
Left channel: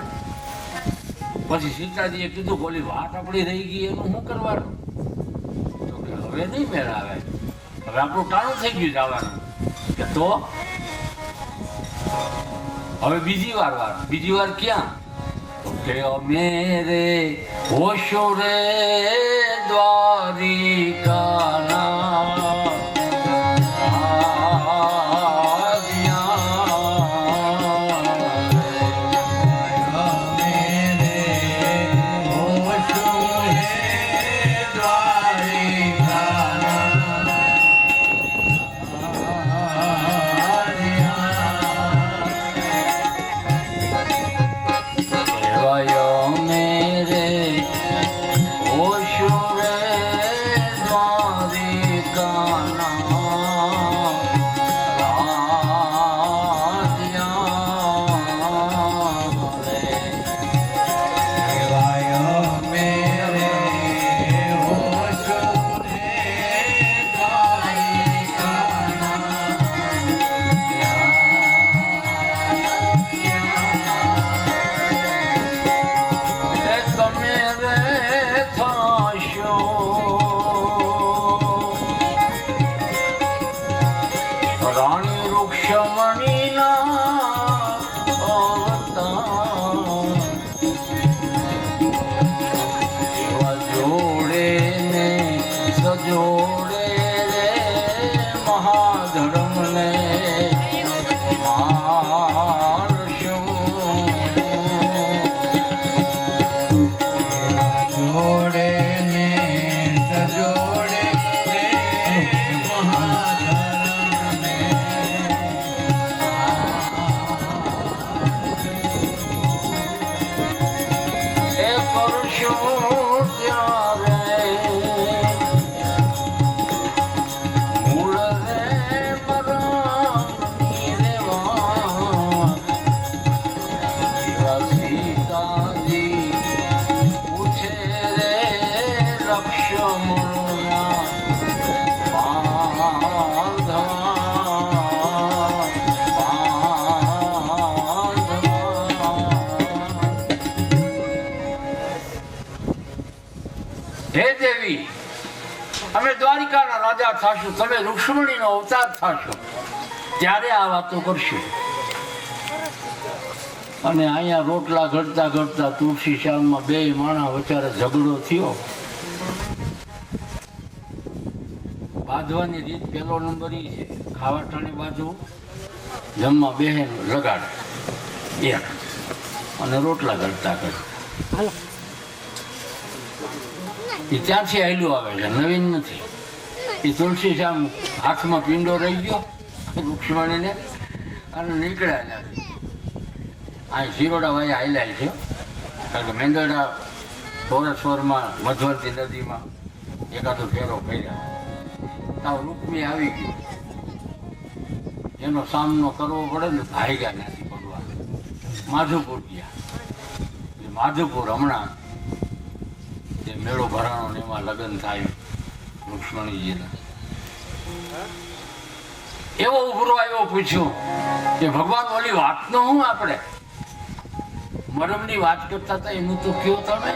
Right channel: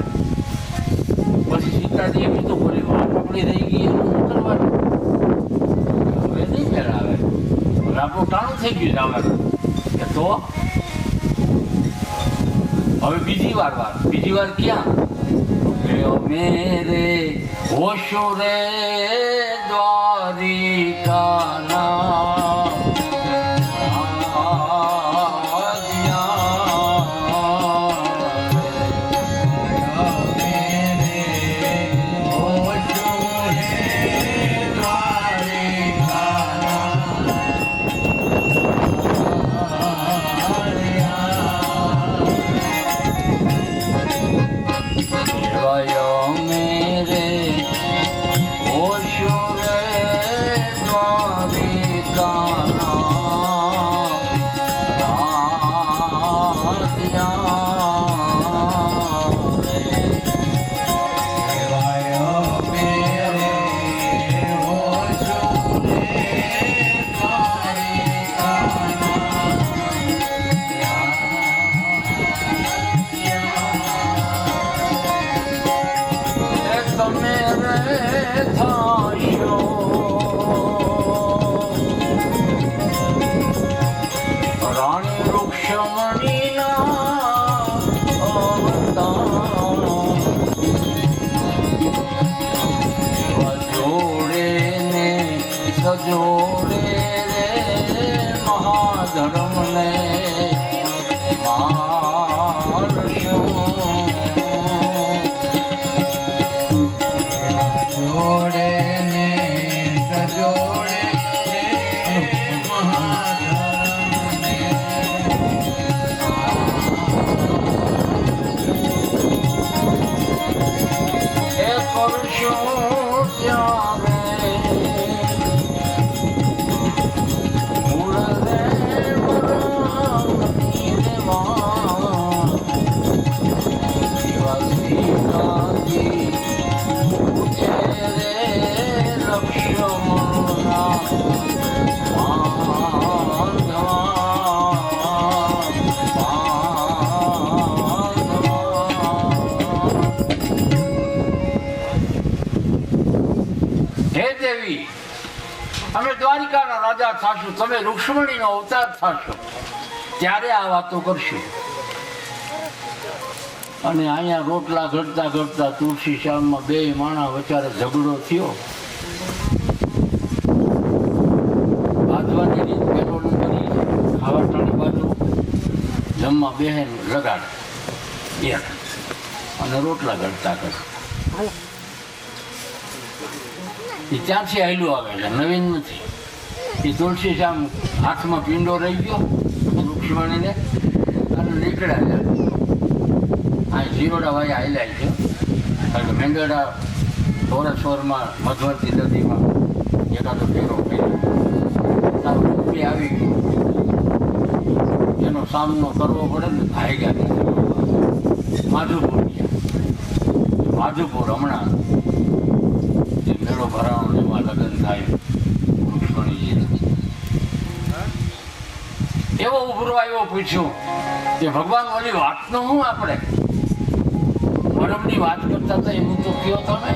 પછી સીતાજીએ કીધું બોલી વાત આપણી રહી ગઈ એનું શું કરવાનું? હવે નહીં મેળ આવે, હવે આપણું ટાણું થઈ ગયું જવાનું. તો હવે બીજી વાર ક્યાં? મેરે હોશો રે દ્વારિકાના God. રૂક્ષમણીના અવતાર એવા જોડે ને સજોડે રે મહાધર્મને જોડે ને સજોડે રે મહાધર્મને એ કરશો ત્યારે મૂળ રે મરણની રેવા એવા સીતાજી પૂછે રે લક્ષ્મણના હે દેવી, અમે દ્વારિકાના રાજા થાશું, તમે રૂક્ષ્મણીનો અવતાર થાશો ત્યારે આ વાતો કરશું. અને અહીંયા રોટલા ઘડતા ઘડતા તુલસી શ્યામમાં બે માણા વચારે ઝઘડો થયો. બાંધવાની રીત પેલો નંબર ઈ છે, ખાવા ટાણી બાજુ જમવા બેહેન લગાડે એક અને રોટલા ઘડતા કરે. એ ત્યાંથી આયલું આવે છે, નવીન નથી. એ તુલસી શ્યામ હાથમાં પીંડો રહી ગયો રૂક્ષ્મણીને અને નીકળ્યા છે. આ જીરોડા વાય આયલા છે, કારણ કે મેંગડા સોરસોરમાં મધવર્તી નદીમાં એકાદો ફેરો કર્યો, સાવ રૂપી આવી ગઈ. એનો સામનો કરવો પડે ને ભાગ્યા ત્યાંથી ભગવાન માધુપુર ગયા. માધુપુર હમણાં જે મેળો ભરાણો ને એમાં લગ્ન થાય રૂક્ષ્મણીજીના. એવો ઉભરો આવ્યો, પૂછ્યું કે ભગવાન ઓલી વાતનો હું આપણે મરમની વાત કરતા હતા એમ તો કયો તમે.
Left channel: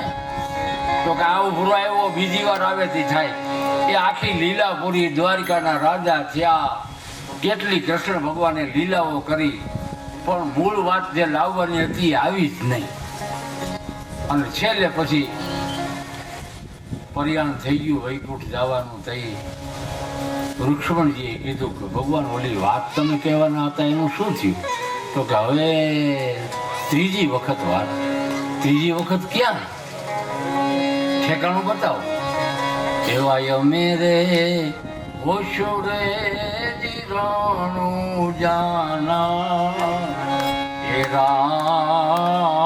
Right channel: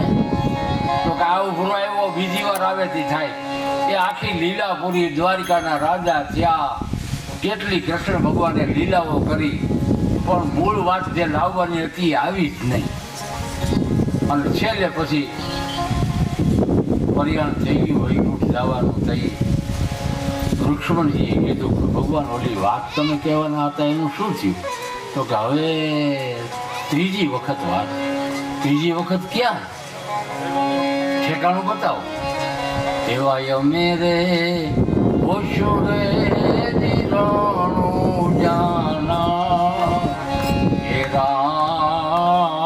તો કે આ ઉભરો આવ્યો બીજી વાર આવેથી થાય. એ આખી લીલા પૂરી દ્વારિકાના રાજા ત્યાં કેટલી કૃષ્ણ ભગવાને લીલાઓ કરી, પણ મૂળ વાત જે લાવવાની હતી આવી જ નહીં. અને છેલ્લે પછી પરિયાણ થઈ ગયું, વૈકુંઠ જવાનું થઈ. રૂક્ષ્મણજીએ કીધું કે ભગવાન ઓલી વાત તમે કહેવાના હતા એનું શું થયું? તો કે હવે ત્રીજી વખત વાત. ત્રીજી વખત ક્યાં? ઠેકાણું બતાવો. એવા અમે રે ઓશો રે નિરાણું જાના એ રાજ્યા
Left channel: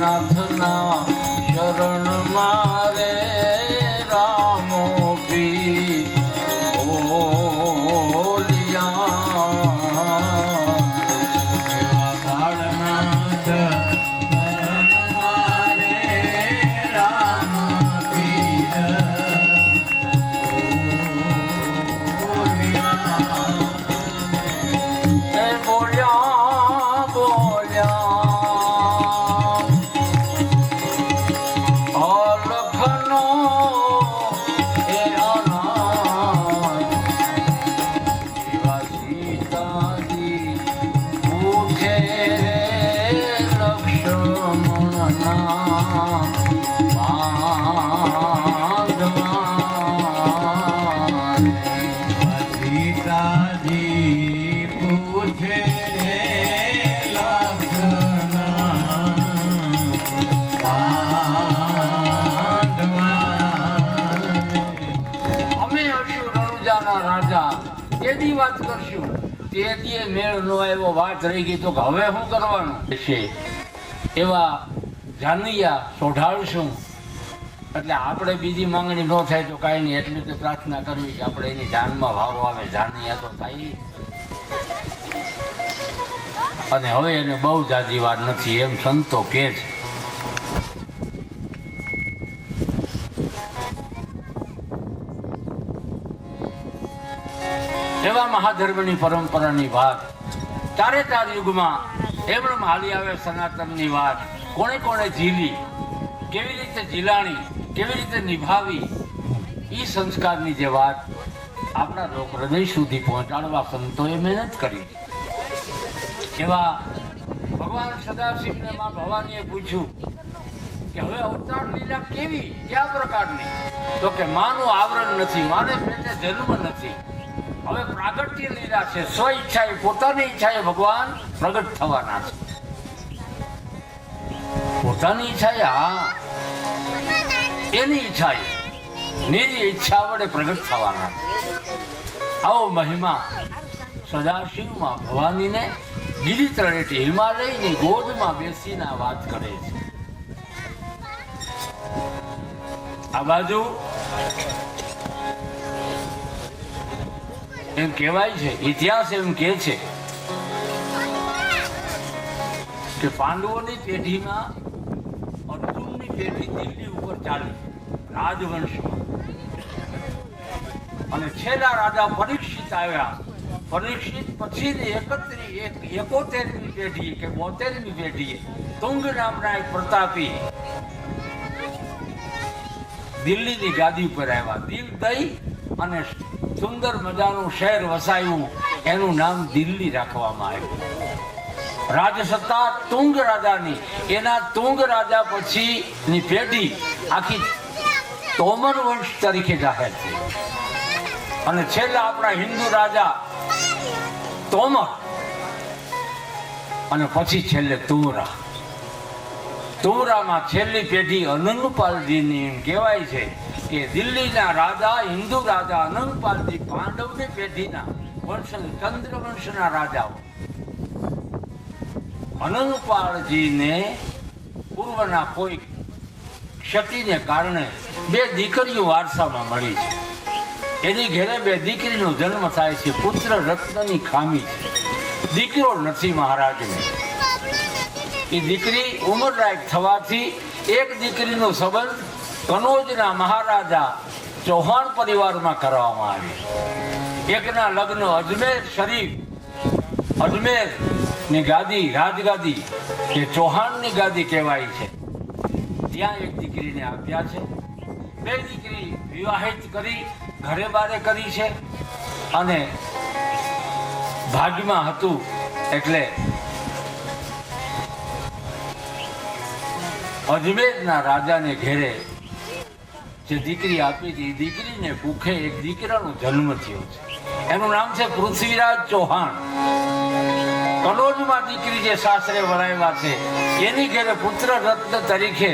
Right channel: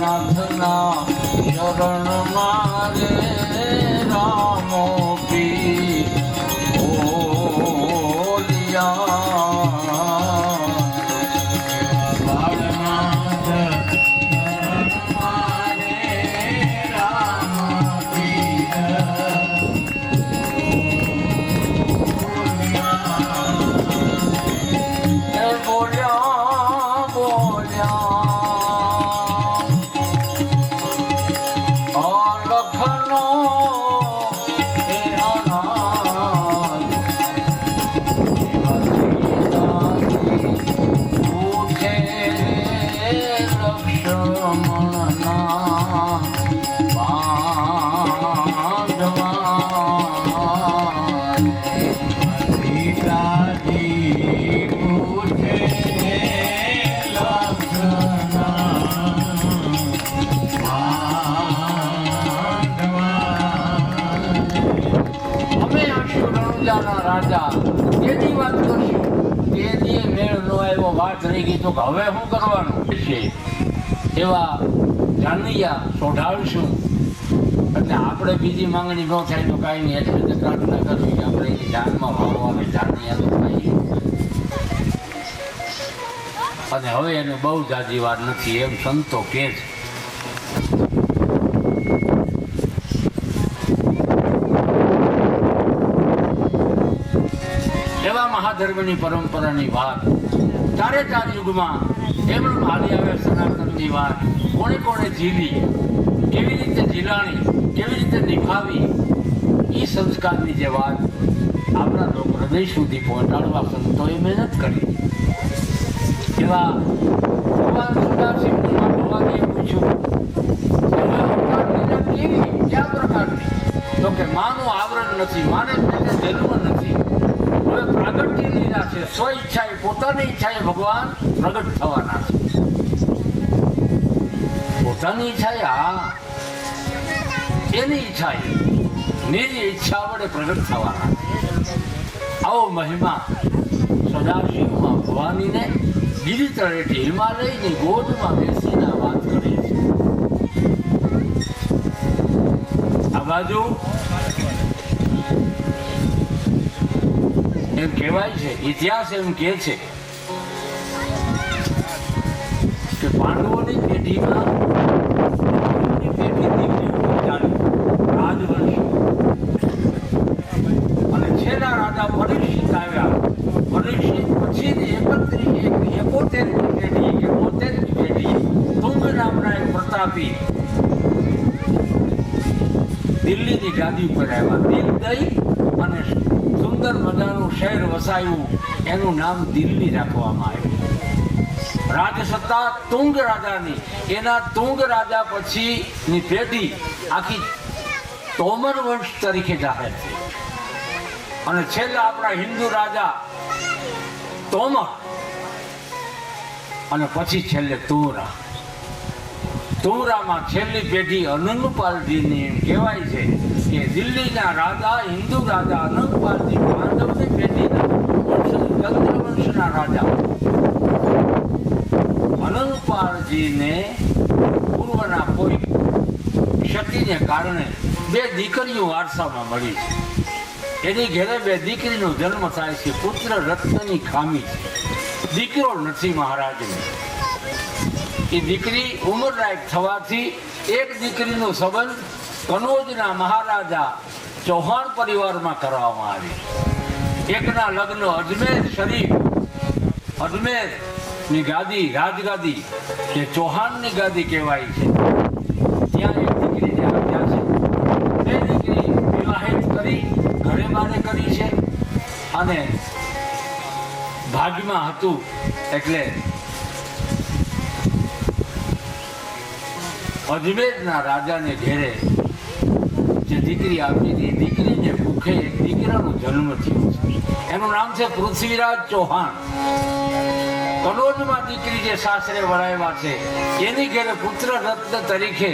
નાથના શરણ મારે રામો પી બોલિયા બાળનાથ શરણ મારે રામ પીર બોલિયા દી વાત કરશું, તે દી મેળ નો આવ્યો, વાત રહી ગઈ, તો હવે શું કરવાનું છે? એવા જાનૈયા સોઢાડશું. એટલે આપણે બીજી માંગણી ન થાય તો કાંઈ નહીં, એટલી તો પ્રાર્થના કરવી કે આપણે એની જાનમાં ભાવો આવે, જાનૈયા તો થાય. અને હવે એને બહુ જાજી વાર નથી એમ સંતો કહે છે. એવા મહાધર્મની પરંપરાની વાત ચારે ચાર યુગમાં એમણે હાલી આવે. સનાતનની વાત કોણે કોણે ઝીલી, કેવી રીતે ઝીલાણી, કેવી રીતે નિભાવી, એ સંસ્કારની જે વાત આપણા લોક હૃદય સુધી પહોંચાડવા સંતોએ મહેનત કરી. એવા ભગવાન સદાશિવના ભગવાને પૂછ્યું કે હવે અવતાર લીલા કેવી, કયા પ્રકારની? તો કે માનું આવરણ નથી, માને પેટે જન્મ નથી. હવે પ્રાગટ્ય લીલા છે, સ્વ ઈચ્છાએ, પોતાની ઈચ્છાએ ભગવાન પ્રગટ થવાના છે. પોતાની ઈચ્છાએ, હા, એની ઈચ્છાએ, નિજી ઈચ્છા વડે પ્રગટ થવાના છે. આવો મહિમા સદાશિવમાં ભવાનીને ગિરી તળેટી હિમાલયની ગોદમાં બેસીને વાત કરે છે. આ બાજુ એમ કહેવાય છે, ઇતિહાસ એમ કહે છે કે પાંડવોની પેઢીમાં રાજવંશ અને છેલ્લા રાજા પરીક્ષિત આવ્યા. પરીક્ષિત પછી 71મી પેઢી તુંગ નામના એક પ્રતાપી દિલ્હીની ગાદી ઉપર આવ્યા. દિલ દઈ અને સુંદર મજાનું શહેર વસાયું, એનું નામ દિલ્હી રાખવામાં આવ્યું. રાજસત્તા તુંગ રાજાની, એના તુંગ રાજા પછીની પેઢી આખી તોમર વંશ તરીકે જાહેર થઈ. અને છેલ્લા આપણા હિન્દુ રાજા તોમર, અને પછી છેલ્લે તુંરા. તુંરામાં છેલ્લી પેઢી અનંગપાલજીની. એમ કહેવાય છે કે દિલ્હીના રાજા, હિન્દુ રાજા અનંગપાલજી પાંડવની પેઢીના ચંદ્રવંશના રાજા અનંગપાલજીને પૂર્વના કોઈ ક્ષતિને કારણે 2 દીકરીઓ વારસામાં મળી. એની ઘરે 2 દીકરીનો જન્મ થાય છે. પુત્ર રત્નની ખામી, દીકરો નથી મહારાજને. એ દીકરી ઉંમરલાયક થવાથી એક દીકરીનો સંબંધ કનોજના મહારાજા ચૌહાણ પરિવારમાં કરવામાં આવી. એકના લગ્ન અજમેર શરીફ, અજમેરની ગાદી, રાજગાદી કે ચૌહાણની ગાદી કહેવાય છે, ત્યાં એક દીકરીને આપ્યા છે. 2 દીકરી વિવાહિત કરી, ઘરે બારે કરી છે. અને ભાગમાં હતું એટલે અજમેરના રાજાને ઘેરે જે દીકરી આપી હતી, દીકરીને ભૂખે એક દીકરાનો જન્મ થયો છે. એનું નામ છે પૃથ્વીરાજ ચૌહાણ. કનોજમાં દીકરી જે સાસરે વરાયેલા છે, એની ઘેરે પુત્ર રત્ન તરીકે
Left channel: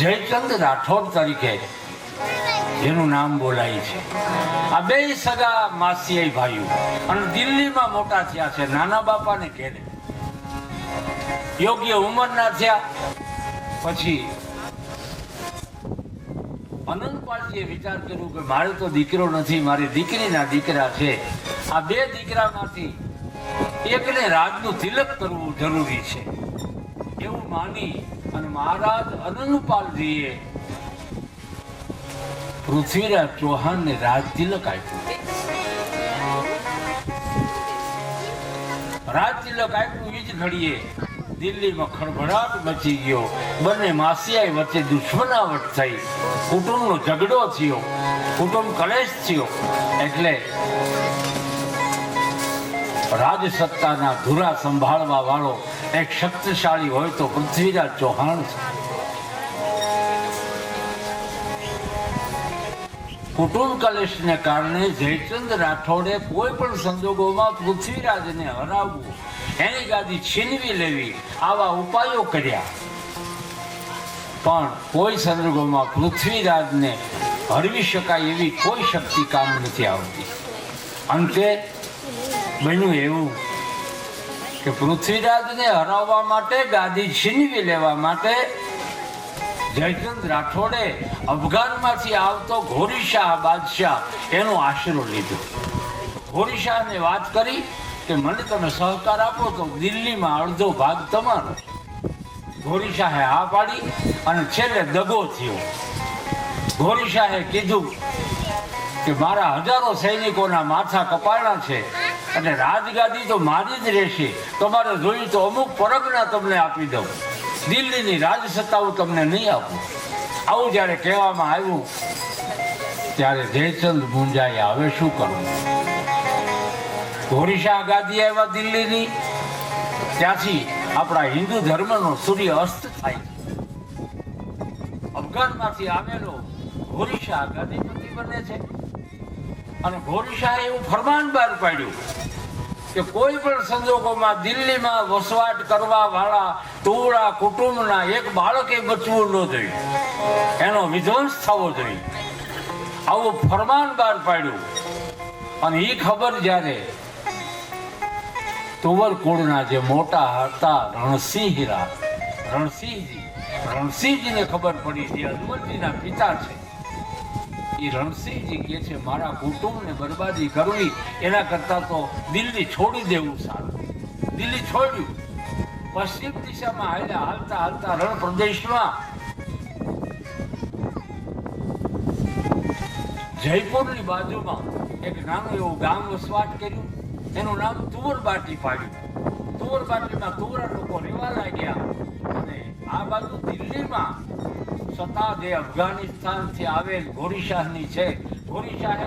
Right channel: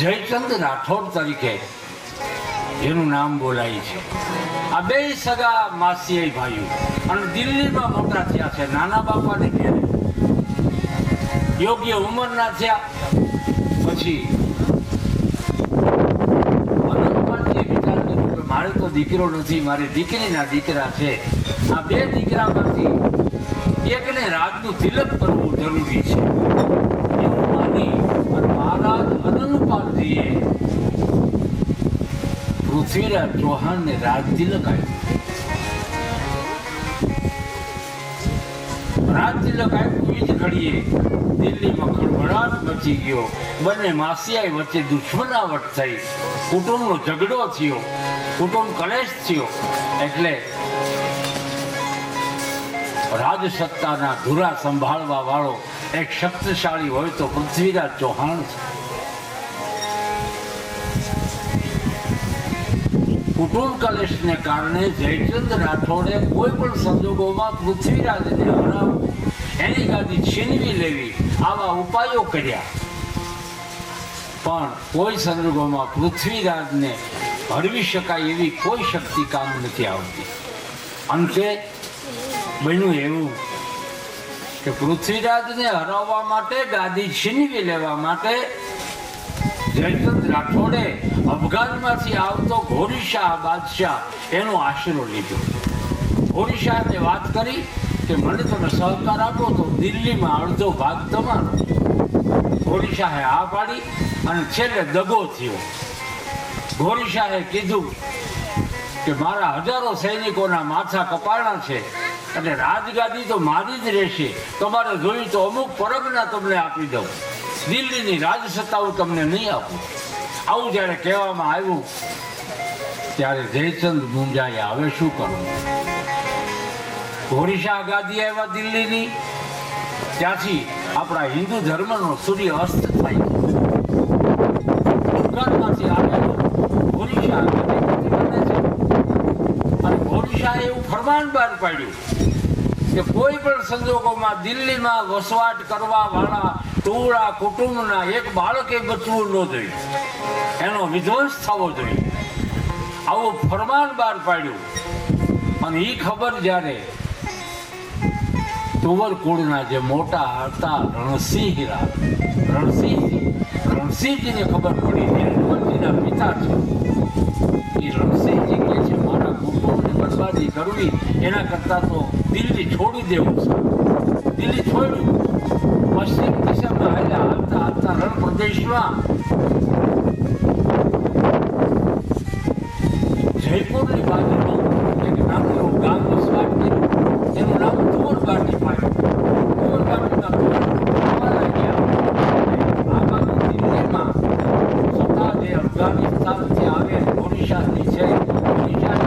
જયચંદ રાઠોડ તરીકે જેનું નામ બોલાય છે. આ 2 સગા માસીયાઈ ભાઈઓ અને દિલ્હીમાં મોટા થયા છે. નાના બાપાને ઘેરે યોગ્ય ઉંમરના થયા પછી અનંતપાલજીએ વિચાર કર્યો કે મારે તો દીકરો નથી, મારી દીકરીના દીકરા છે. આ 2 દીકરામાંથી એકને રાજનું તિલક કરવું જરૂરી છે એવું માની અને મહારાજ અનંતપાલજીએ પૃથ્વીરાજ ચૌહાણને રાજ તિલક આપ્યું. રાજ તિલક આપ્યું એ જ ઘડીએ દિલ્હીમાં ખળભળાટ મચી ગયો. બંને માસિયાઈ વચ્ચે દુશ્મનાવટ થઈ, કુટુંબનો ઝઘડો થયો, કુટુંબ કલેશ થયો. એટલે રાજસત્તાના ધુરા સંભાળવા વાળો એક શક્તિશાળી હોય તો પૃથ્વીરાજ ચૌહાણ છે. કુટુંબ કલેશને કારણે જયચંદ રાઠોડે કોઈ પણ સંજોગોમાં પૃથ્વીરાજને હરાવવું, એની ગાદી છીનવી લેવી, આવા ઉપાયો કર્યા. પણ કોઈ સંજોગોમાં પૃથ્વીરાજને હરવી શકાય એવી કોઈ શક્તિ કામ નથી આવતી. અંતે બન્યું એવું કે પૃથ્વીરાજને હરાવવા માટે, ગાદી છીનવી લેવા માટે જયચંદ રાઠોડે અફઘાનમાંથી આવતો ઘોરીશાહ બાદશાહ એનો આશરો લીધો. ઘોરીશાહને વાત કરી કે મને તમે સહકાર આપો તો દિલ્હીમાં અડધો ભાગ તમારો. ઘોરીશાહે હા પાડી અને છેલ્લે દગો થયો. ઘોરીશાહે કીધું કે મારા હજારો સૈનિકોના માથા કપાળના છે અને રાજગાદી તો મારી જ રહેશે. તમારે જોયું તો અમુક પરગના તમને આપી દઉં, દિલ્હીની રાજસત્તા હું તમને નહીં આપું. આવું જ્યારે કહેવામાં આવ્યું ત્યારે જયચંદ મુંજાએ હવે શું કરવું. ઘોરીશાહ ગાદી આવ્યા દિલ્હીની. ત્યાંથી આપણા હિન્દુ ધર્મનો સૂર્ય અસ્ત થાય. અફઘાનમાંથી આવેલો ઘોરીશાહ ગાદી બને છે. અને ઘોરીશાહે એવું ફરમાન બહાર પાડ્યું કે કોઈ પણ સંજોગોમાં દિલ્હીમાં વસવાટ કરવા વાળા ટોળા કુટુંબના એક બાળકે બચવું ન જોઈએ, એનો વિધ્વંસ થવો જોઈએ. આવું ફરમાન બહાર પાડ્યું. અને એ ખબર જ્યારે તુવર કુળના જે મોટા હતા રણસિંહજીને ખબર પડી, જે અજમલજીના પિતા છે, એ રણસિંહજી કહે છે મારા કુટુંબને બરબાદી કરવી એના કરતાં તો દિલ્હી છોડી દેવું છે. દિલ્હી છોડ્યું. પશ્ચિમ દિશામાં હાલતા હાલતા રણ પ્રદેશમાં જયપુરની બાજુમાં એક નાનું એવું ગામ વસવાટ કર્યું. એનું નામ તુવરબાટી પાડ્યું. તુવરબાટીમાં કુમારા ગયા. આ બાજુ દિલ્હીમાં સત્તાદે અફઘાનિસ્તાનથી આવે ઘોરીશાહની છે. ઘોરીશાહે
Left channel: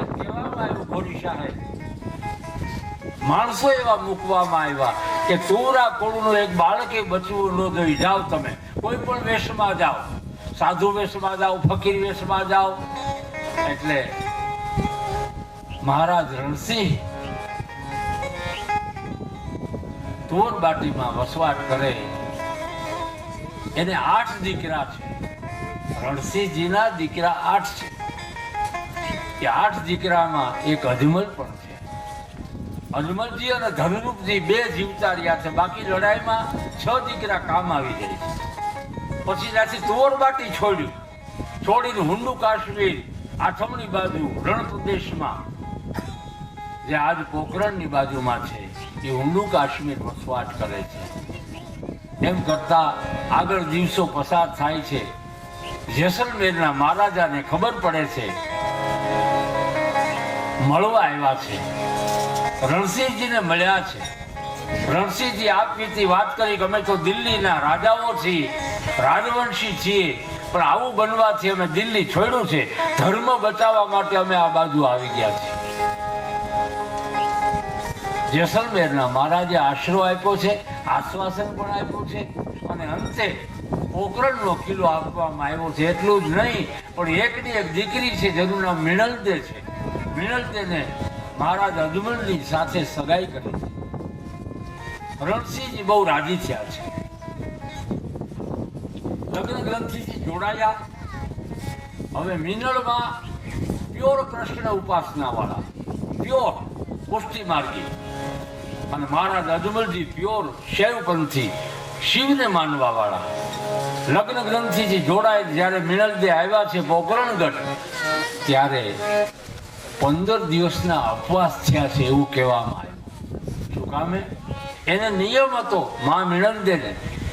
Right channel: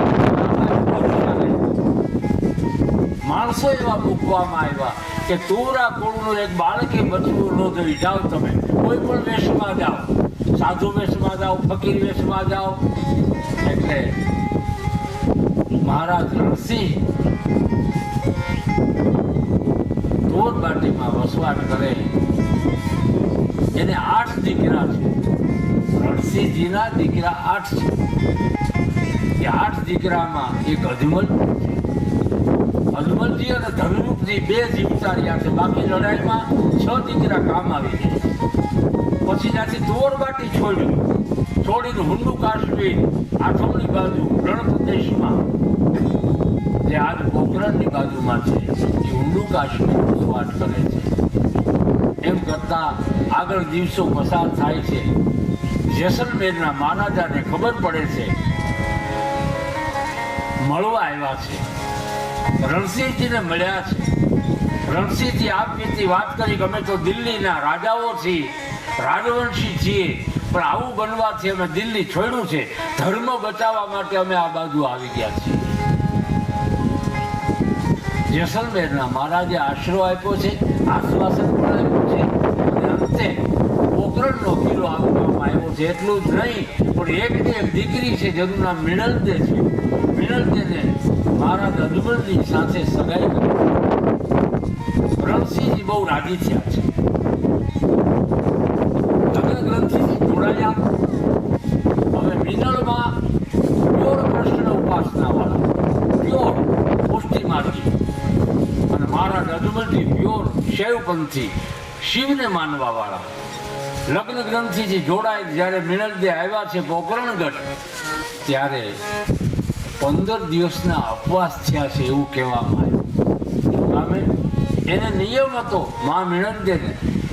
માણસો એવા મૂકવામાં આવ્યા કે તુવરા કુળનું એક બાળકે બચવું ન જોઈએ. જાઓ તમે કોઈ પણ વેશમાં જાઓ, સાધુ વેશમાં જાઓ, ફકીર વેશમાં જાઓ. એટલે મહારાજ રણસિંહ તુવરબાટીમાં વસવાટ કરે. એને 8 દીકરા છે. રણસિંહજીના દીકરા 8 છે. એ 8 દીકરામાં એક અજમલ પણ છે. અજમલજી અને ધનરૂપજી 2 જીવતા રહ્યા છે. બાકી લડાઈમાં 6 દીકરા કામ આવી ગયા. પછી ત્યાંથી તુવરબાટી છોડીને હુંડુ કાશ્મીર આઠમની બાજુ રણ પ્રદેશમાં, જે આજ પોખરણની બાજુમાં છે, એ હુંડુ કાશ્મીર વસવાટ કરે છે. એમ કરતા આગળ દિવસો પસાર થાય છે. જેસલમેરના મહારાજાને ખબર પડે છે, મળવા આવ્યા છે, રણસિંહજીને મળ્યા છે. રણસિંહજી આપવીતી વાત કરી કે અમે તો દિલ્હીના રાજાઓ છીએ, રાજવંશી છીએ, પણ આવું બનવાથી અમે દિલ્હી છોડ્યું છે. ધર્મ બચાવવા માટે અમે આ બાજુ આવી ગયા છીએ. જેસલમેરના મહારાજે આશરો આપ્યો છે, આશ્વાસન પણ આપ્યું છે. અને અંતે પોખરણનો કિલ્લો આપવામાં આવ્યો છે. એટલું જ નહીં, પણ એકની એક દીકરી છે જેનું નામ મિણલદે છે. મિણલદેને મહારાજ અજમલની સાથે સગાઈ કરી. રણસિંહજી બહુ રાજી થયા છે. લગ્ન ગ્રંથિથી જોડાયા. હવે મિનળમાં પ્યોર કૃષ્ણ ઉપાસના વાળા, પ્યોર પુષ્ટિ માર્ગી, અને મહારાજ અજમલજી પ્યોર શૈવપંથી, શિવને માનવા વાળા. લગ્ન ગ્રંથિથી જોડાય જ્યારે મિનળદે આવ્યા છે પોકરણગઢ, ત્યારે 15 દિવસના અપવાસ થયા છે એવું કહેવામાં આવ્યું. એને નિયમ હતો મા મિણલદેને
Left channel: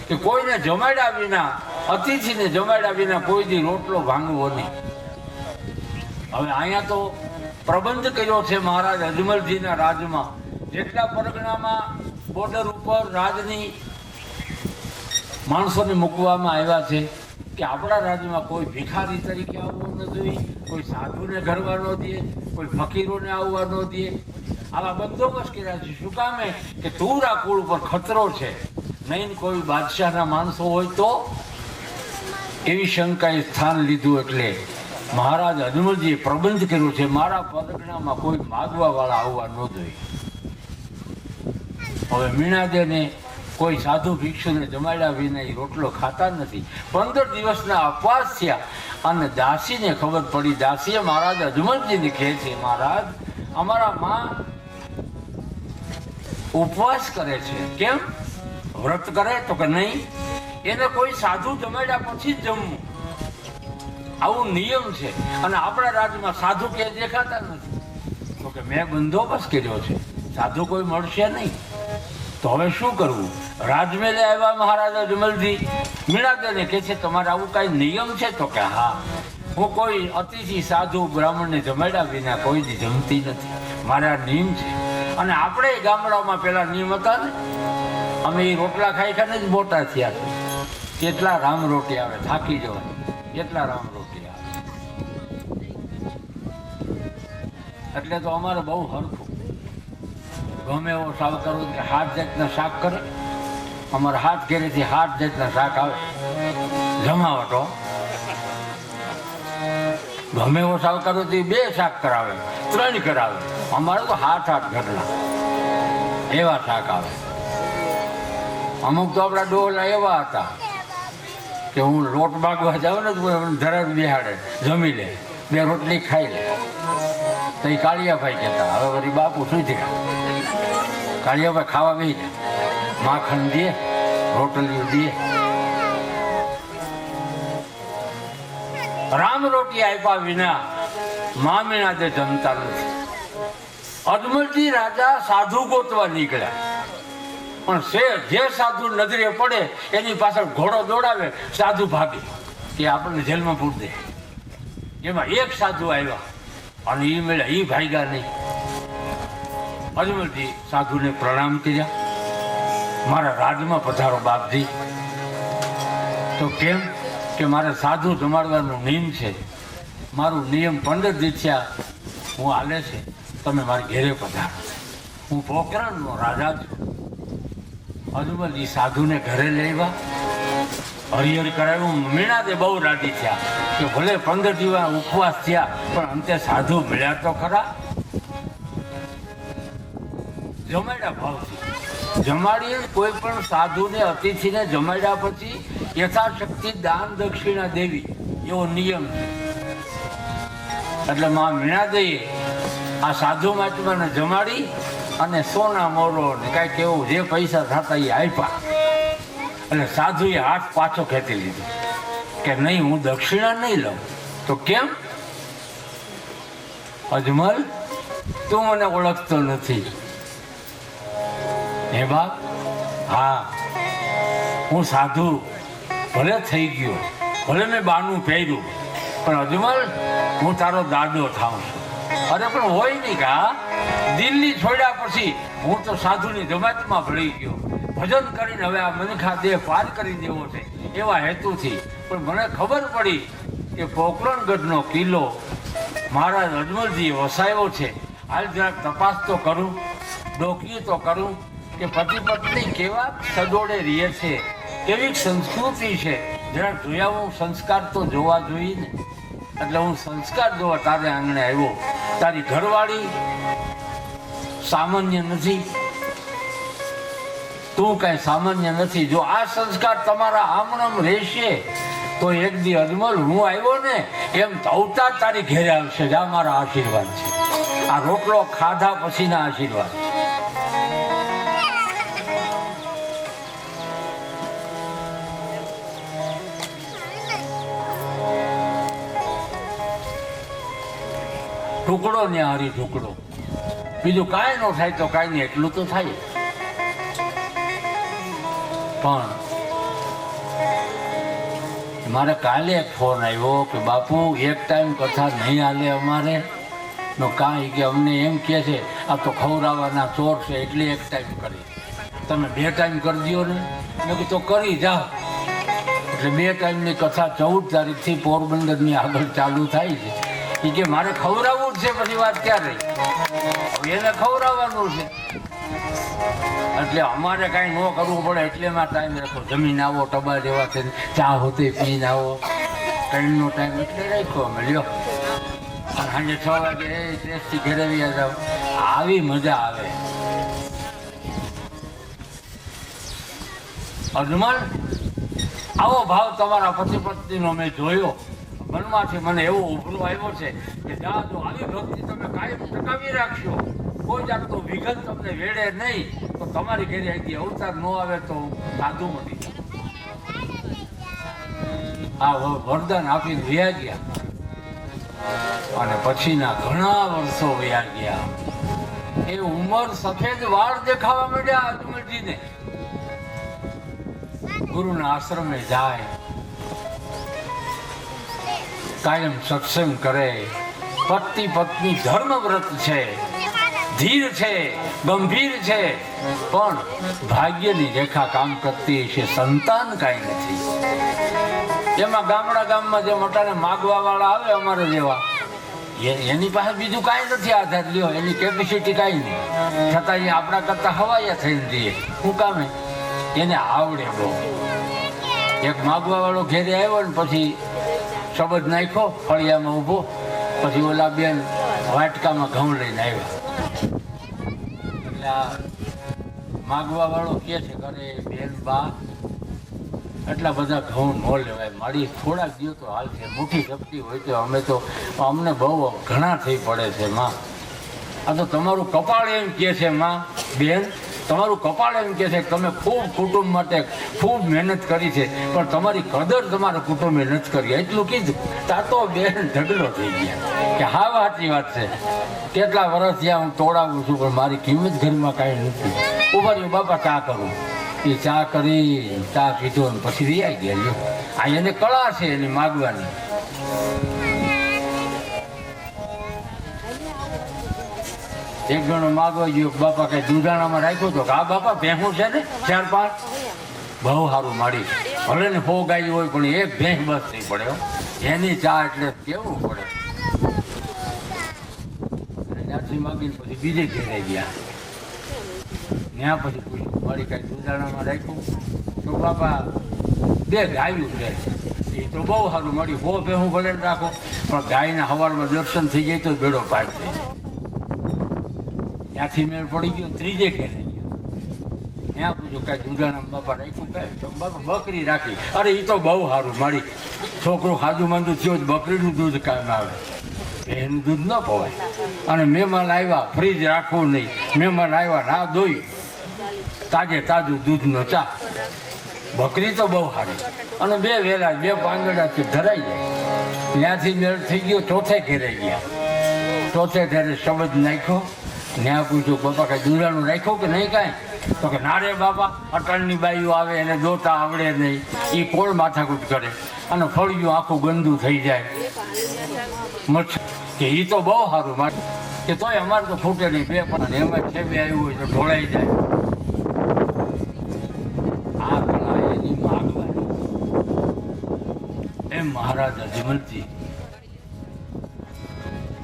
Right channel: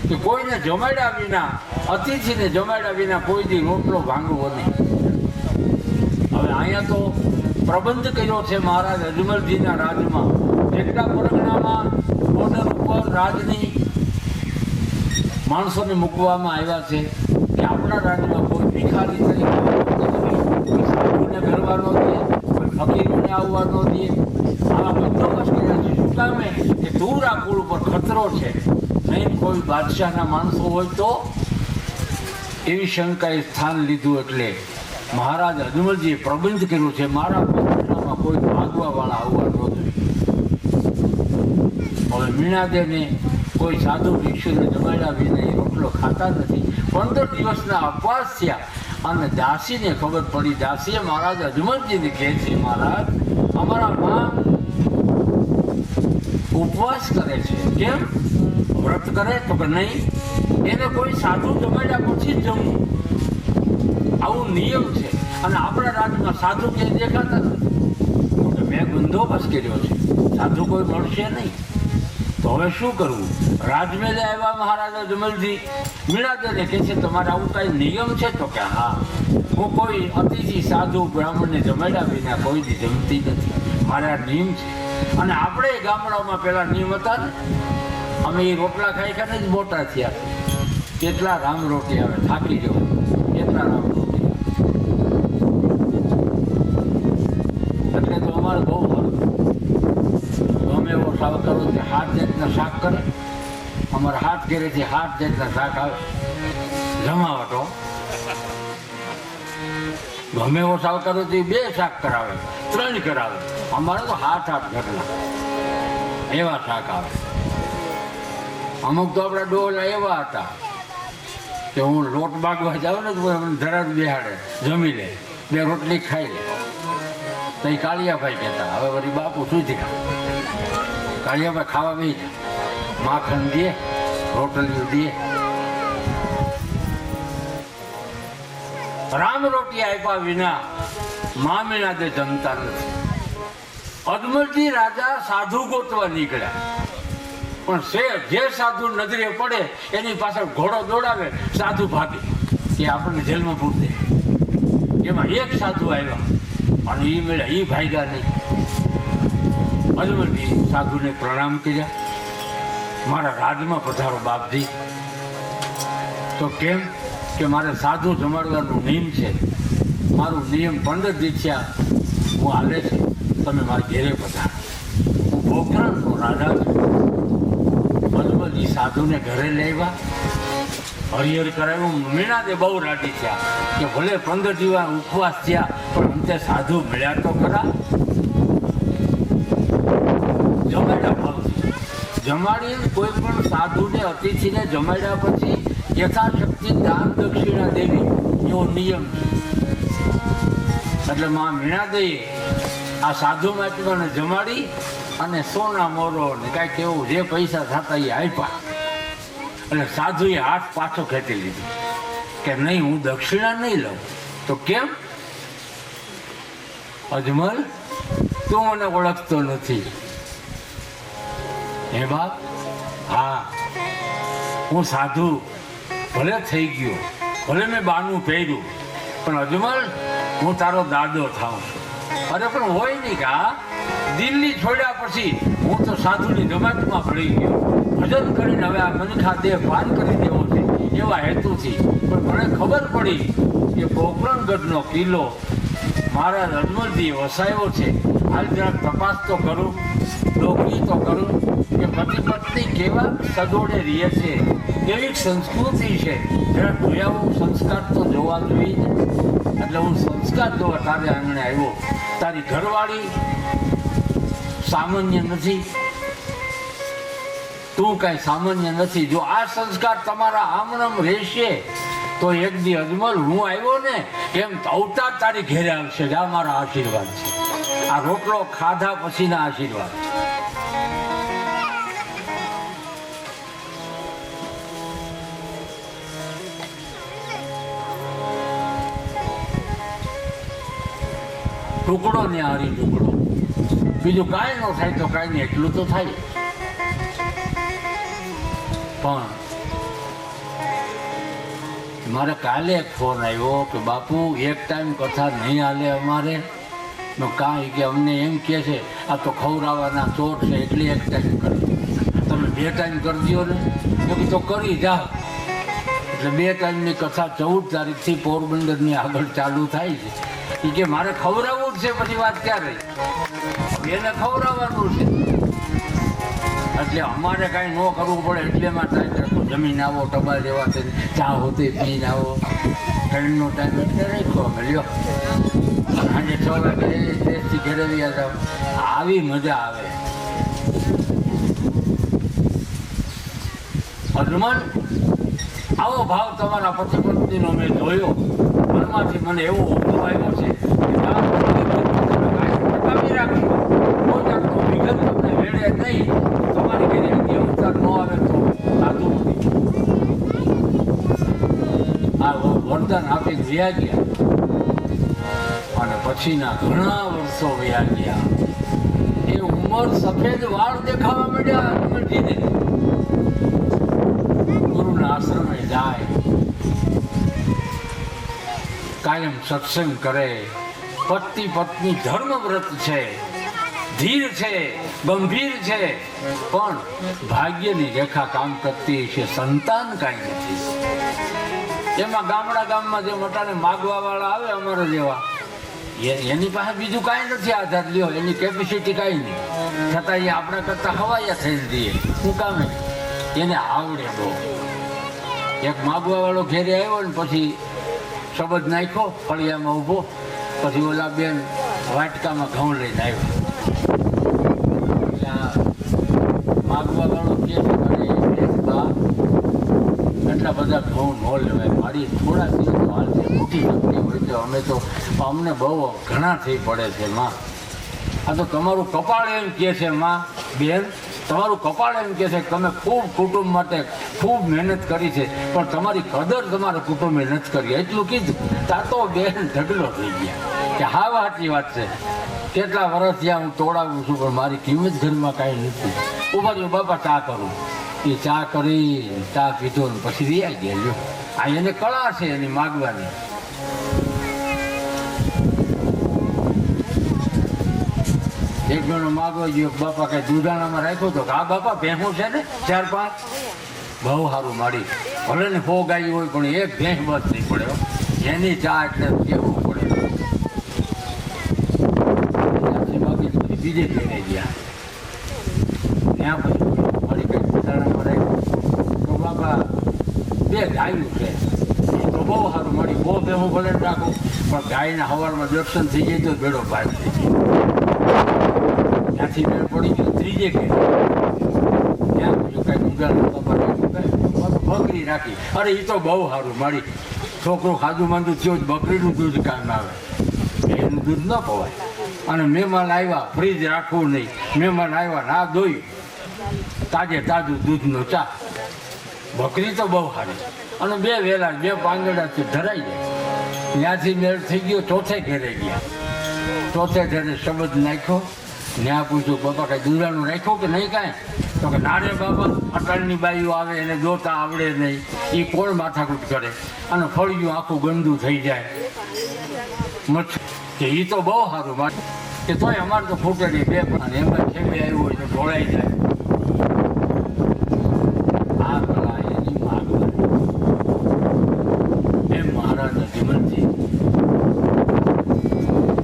કે કોઈને જમાડ્યા વિના, અતિથિને જમાડ્યા વિના કોઈ દી રોટલો ભાંગવો નહીં. હવે અહીંયા તો પ્રબંધ કર્યો છે મહારાજ અજમલજીના રાજમાં. જેટલા પરગણામાં બોર્ડર ઉપર રાજની માણસોને મૂકવામાં આવ્યા છે કે આપણા રાજ્યમાં કોઈ ભિખારી તરીકે કોઈ સાધુને ઘરવા ન દે, કોઈ ફકીરોને આવવા ન દે. આવા બંદોબસ્ત કર્યા છે. શું કામે કે તુવરા કુળ ઉપર ખતરો છે, નહીં કોઈ બાદશાહના માણસો હોય તો. એવી શંકાએ સ્થાન લીધું. એટલે મહારાજ અજમલજીએ પ્રબંધ કર્યો છે મારા પરગણામાં કોઈ ભાગવા વાળા આવવા ન જોઈએ. હવે મીણાદેને કોઈ સાધુ ભિક્ષુને જમાડ્યા વિના રોટલો ખાતા નથી. 15 દિવસના અપવાસ થયા અને દાસીને ખબર પડી. દાસીએ મહારાજ અજમલજીને કહે છે, મહારાજ અમારા માં ઉપવાસ કરે છે. કેમ? વ્રત કરે તો કે નહીં, એને કોઈ સાધુ જમાડ્યા પછી જ જમવું, આવું નિયમ છે. અને આપણા રાજ્યમાં સાધુ ક્યાંય દેખાતા નથી. તો કે મેં બંદોબસ્ત કર્યો છે, સાધુ કોઈ મળશે નહીં. તો હવે શું કરવું? રાજમેલે આવ્યા મહારાજા જમલજી મીણાદેને કહે છે તમારે આવું કાંઈ નિયમ છે? તો કે હા, હું કોઈ અતિથિ સાધુ બ્રાહ્મણને જમાડ્યા વિના કોઈ દી જમતી નથી, મારા નિયમ છે. અને આપણે ગામડાઓમાં પેલા નિયમ હતા ને, અમે એ રોટલા ખાઈ ખાઈને જ મોટા થયા. કેટલા રામ રોટી આવે, થાકી જાવ, કેટલા રામ રોટી આવે. એટલે તો અમારે બહુ સારું. ગમે એવો સાવ કરું કે 7 જાતના શાક કરે, અમારે 7 ઘરેથી 7 જાતના શાક આવે જમાવટો. ગમે એવો સાવ કરું તો 2 શાક કરાવે, 3 કરાવે. અમારે તો 7-8 ઘરના એવા શાક આવે. અમુક તો આપણા ડોલા એવા હતા કે હું લોટ માગવા જાઉં ને તો જરા બિહાડે, જમી લે, 2 રોટલી ખાઈ લે. તો એ કાળિયાભાઈ કહેતા, હવે વળી બાપુ શું થયા? કાળિયાભાઈ ખાવા બી માખણ દે, રોટલીઓ દે. રામ રોટી આપ્યા વિના મામીના જે જમતા નથી. અજમલજી રાજા સાધુ ગોતવા નીકળ્યા, પણ જે સાધુ નજરે પડે એની પાછળ ઘોડો દોડાવે, સાધુ ભાગે કે આપણને જેલમાં પૂરી દે. એમાં એક સાધુ આવ્યા અને એ મેળા એ ભાગ્યા નહીં. અજમલજી સાધુને પ્રણામ કર્યા, મારા રાજમાં પધારો બાપજી. તો કેમ? કે મારે સાધુ જમાડવાનું નિયમ છે, મારું નિયમ 15 દિવસ થયા હું આવે છે, તમે મારા ઘેરે પધારો, હું પોખરણનો રાજા છું. અજમલજી સાધુને ઘરે લેવા હરિહર કરાવ્યું. મીણાદે બહુ રાજી થયા કે ભલે 15 દિવસ ઉપવાસ થયા પણ અંતે સાધુ મળ્યા તો ખરા. જમાડ્યા ભાવથી જમાડી, કોઈ પણ સાધુને અતિથિને જમાડ્યા પછી યથાશક્તિ દાન દક્ષિણા દેવી એવો નિયમ છે. એટલે માં મીણાદેવી આ સાધુ મહાત્માને જમાડી અને સોના મોરો ને કાંઈક એવું જે પૈસા થતા એ આપ્યા. એટલે સાધુએ હાથ પાછો ખેંચી લીધો કે નહીં, હું દક્ષિણા નહીં લઉં. તો કેમ? અજમલ, તું મને ઓળખતો નથી. હે બાપ? હા, હું સાધુ ભલે થઈ ગયો, ભલે મેં બાનું પહેર્યું, પણ અજમલ હું તારો દાદો થાઉં છું. અરે પણ હોય નહીં કે હા, દિલ્હી છોડ્યા પછી હું તો સાધુની જમાતમાં ભળી ગયો, ભજન કરીને હવે આ મનખા દેહ પાર કરી દેવો છે એવા હેતુથી. પણ મને ખબર પડી કે પોખરણગઢનો કિલ્લો મારા અજમલજી વસાયો છે. હાલ જરાક તપાસ તો કરું, નોકરી તો કરું કે પતિ પત્ની કેવા સદોડે રહે છે, કેવી સંસ્કૃતિ છે, જરાક જોયા સંસ્કાર તો જોવા જોઈએ. એટલે હું સંસ્કાર જોવા તારે આંગણે આવ્યો. તારી ઘરવાળી સામાન્ય નથી, તું કાંઈ સામાન્ય નથી. જો આ સંસ્કાર તમારા આમનામ રહેશે તો એક દી અજમલ હું આવ્યો ને એમ અવતાર તારી ઘેરે આવશે. જ આ મારા આશીર્વાદ છે, આ રોટલો ખાધા પછીના આશીર્વાદ. ટુકડો ને હારી ટુકડો, બીજું કાંઈ ન થાય તો કાંઈ નહીં, એટલું તો થાય. પણ મારે કાલે એક ફોન આવ્યો કે બાપુ એક ટાઈમ કથા નહીં હાલે અમારે. કાંઈ કે અમને એમ કહે છે આ તો ખવડાવવાના ચોટ છે એટલે એક ટાઈમ કરી, તમે 2 ટાઈમ કરી દો ને. મેં કીધું તો કરી જાઓ. એટલે 2 ટાઈમની કથા 14 તારીખથી પોરબંદરની આગળ ચાલુ થાય છે. એ કે મારે ખવડાવવું જ છે, પછી વાત ક્યાં રહી? એને ખવડાવવાનું છે. એટલે અમારે કાંઈ ન કરવું પડે એટલે માં ટાઈમ રાખો. જમીન આવો, ટબા જેવા છે, ચા હોતી પીને આવો. ટ્રેનનો ટાઈમ એટલે રાખ્યો મળ્યો. સાંજે 6 વાગે દેશથી ઘરે વ્યા જાઓ. આવી મજા આવે. અજમલ, આવો ભાવ તમારા પતિ પત્નીનો મેં જોયો. મનમાંથી મને એવો ઉપરો આવ્યો છે કે ટકાવી રાખશો. કોઈ જાતનું વિઘન તમને વેડે નહીં. તમારી ઘરે અવતાર ન આવે તો સાધુ નથી. આ વરદાન આપીને વ્યા ગયા અને પછીના ઘણા વર્ષો વ્યા ગયા. એ ઉંમર સફેદ વાળ દેખાવા માંડ્યા હનુમાનજીને. ગુરુના આશ્રમે જાય, કાયમ સત્સંગ કરે, પતિ પત્ની ધર્મ વ્રત છે, ધીર છે, ગંભીર છે, પણ ભાગ્યની રેખા કામ કરતી છે, સંતાન કાંઈ નથી. એમાં ગામમાં જે મોટાને માગવા વાળા આવે અમારા જેવા, એની પાસે બીજું કાંઈ નથી આધાર લ્યો, એની કેપેસિટી કાંઈ નહીં, છતાં એ આપણા કરતા હવાયા થઈ દઈએ. શું કામે? એને આવડે બહુ. એક માગવા વાળો ઘેરે આવ્યો ને પછી શબ્દ નાખ્યો ફળિયામાં ઊભો, પછી ઓલા બેન વાટકામાં ઘઉં લઈને આવ્યા. એટલે માગવા વાળો કે છે, અરે બેન બા એટલા બધા ઘઉં ન લેવાય, મારી થોડા દિવસ હાલ છે, મોટી શક્તિ હોય તો અમે તો અમને બહુ ઘણા થઈ પડે છે માં. આ તો તમારું કપાળ એમ કહે છે માં, બેન તમારું કપાળ એમ કહે છે કે તમે ખૂબ કુટુંબ માટે ખૂબ મહેનત કરી છે, પણ તમારી કદર તમારા કુટુંબે નથી કરી. એટલું કીધું તા તો બેન ઢગલો થઈ ગયા કે હા સાચી વાત છે, કેટલા વર્ષ થયા હું તોડાવું છું પણ મારી કિંમત ઘરમાં કાંઈ નથી. ઉભા રહ્યો બાપા ચા કરું. એ ચા કરી, ચા પીધો ને પછી રિયાઈ ગયા. આ એને કળા છે એની માગવાની. એક જણો માગવા ગયો, બાપા કઈ દૂધાણામાં રાખ્યો તો હા બાપા ભેંસું છે ને 4-5, બહુ સારું મારી, ભલે ને 100 ગાય હોય પણ એક ભેંસ બસ નહીં પડે. એની ચા એટલે કેવું પડે. ત્યાંથી માગી પછી બીજે ઘેરે ગયા. ત્યાં પછી મારી કઈ દૂધાણામાં રાખ્યું તો બાપા 2 ગાયું છે, એ તો બહુ સારું મળી. 100 ભેંસું ભલે રાખો પણ ગાયના સવારમાં દર્શન થઈ ગઈ તો બેડો પાર થઈ જાય. ત્યાંથી મેળ પડી ગયો ત્રીજે ઘેર. ત્યાં પૂછ્યું કાંઈ ગુંગાનું બાપા બકરી રાખી. અરે એ તો બહુ સારું મારી, છોકરો ખાધું માંદું થયો જ બકરીનું દૂધ કામ આવે, એનું દૂધ ન ખવાય. અને મહેમાન આવ્યા ફ્રીજ રાખવું નહીં, મહેમાન આવ્યા ના ધોઈ તાજે તાજું દૂધનો ચા. બકરી તો બહુ સારી અને 2 વેલા 2 પાંદડાથી ધરાઈ જાય. ત્યાંથી મેળ થઈ ગયો ચોથે ઘેરે ગયા. ચોથે ઘેરે શબ્દ નાખ્યો. ત્યાં પૂછ્યું બાપા કાંઈ દૂધાનું રાખ્યું કે નહીં કાંઈ? તો કે ના રે બાપા, અટણની બાઈઓ આવે એને દોતા આવડે નહીં, એ કોણ માથાકૂટ કરે અને ફળિયું આખું ગંદુ થઈ જાય. મચ્છર કે એ તો બહુ સારું માટે કે તોય અમારે તો ફૂટે નહીં, 2 પણ એમાં છે 2 આવ્યું હોય તો ઢોળાઈ જાય. આ કળા એની માગવાની. એમ મહારાજ અજમલજી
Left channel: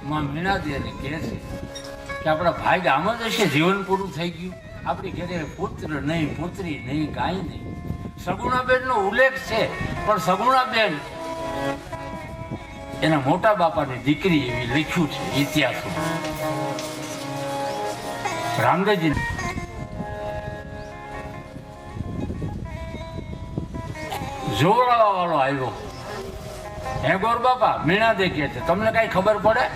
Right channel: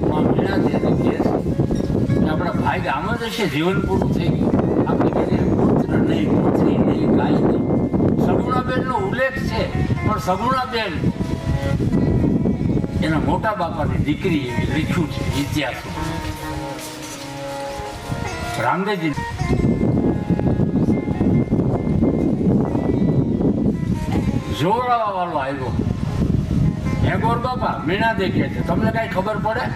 માં મીણાજી એને કહે છે કે આપણા ભાઈ આમ જ હશે, જીવન પૂરું થઈ ગયું. આપણી ઘરે પુત્ર નહીં, પુત્રી નહીં, ગાય નહીં. સગુણાબેનનો ઉલ્લેખ છે પણ સગુણાબેન એના મોટા બાપાની દીકરી એવી લખ્યું છે ઇતિહાસમાં. રામદેવજી જોડાવા વાળો આવ્યો. હે ગોર બાપા, મીણા દેખીએ છે, તમને કઈ ખબર પડે?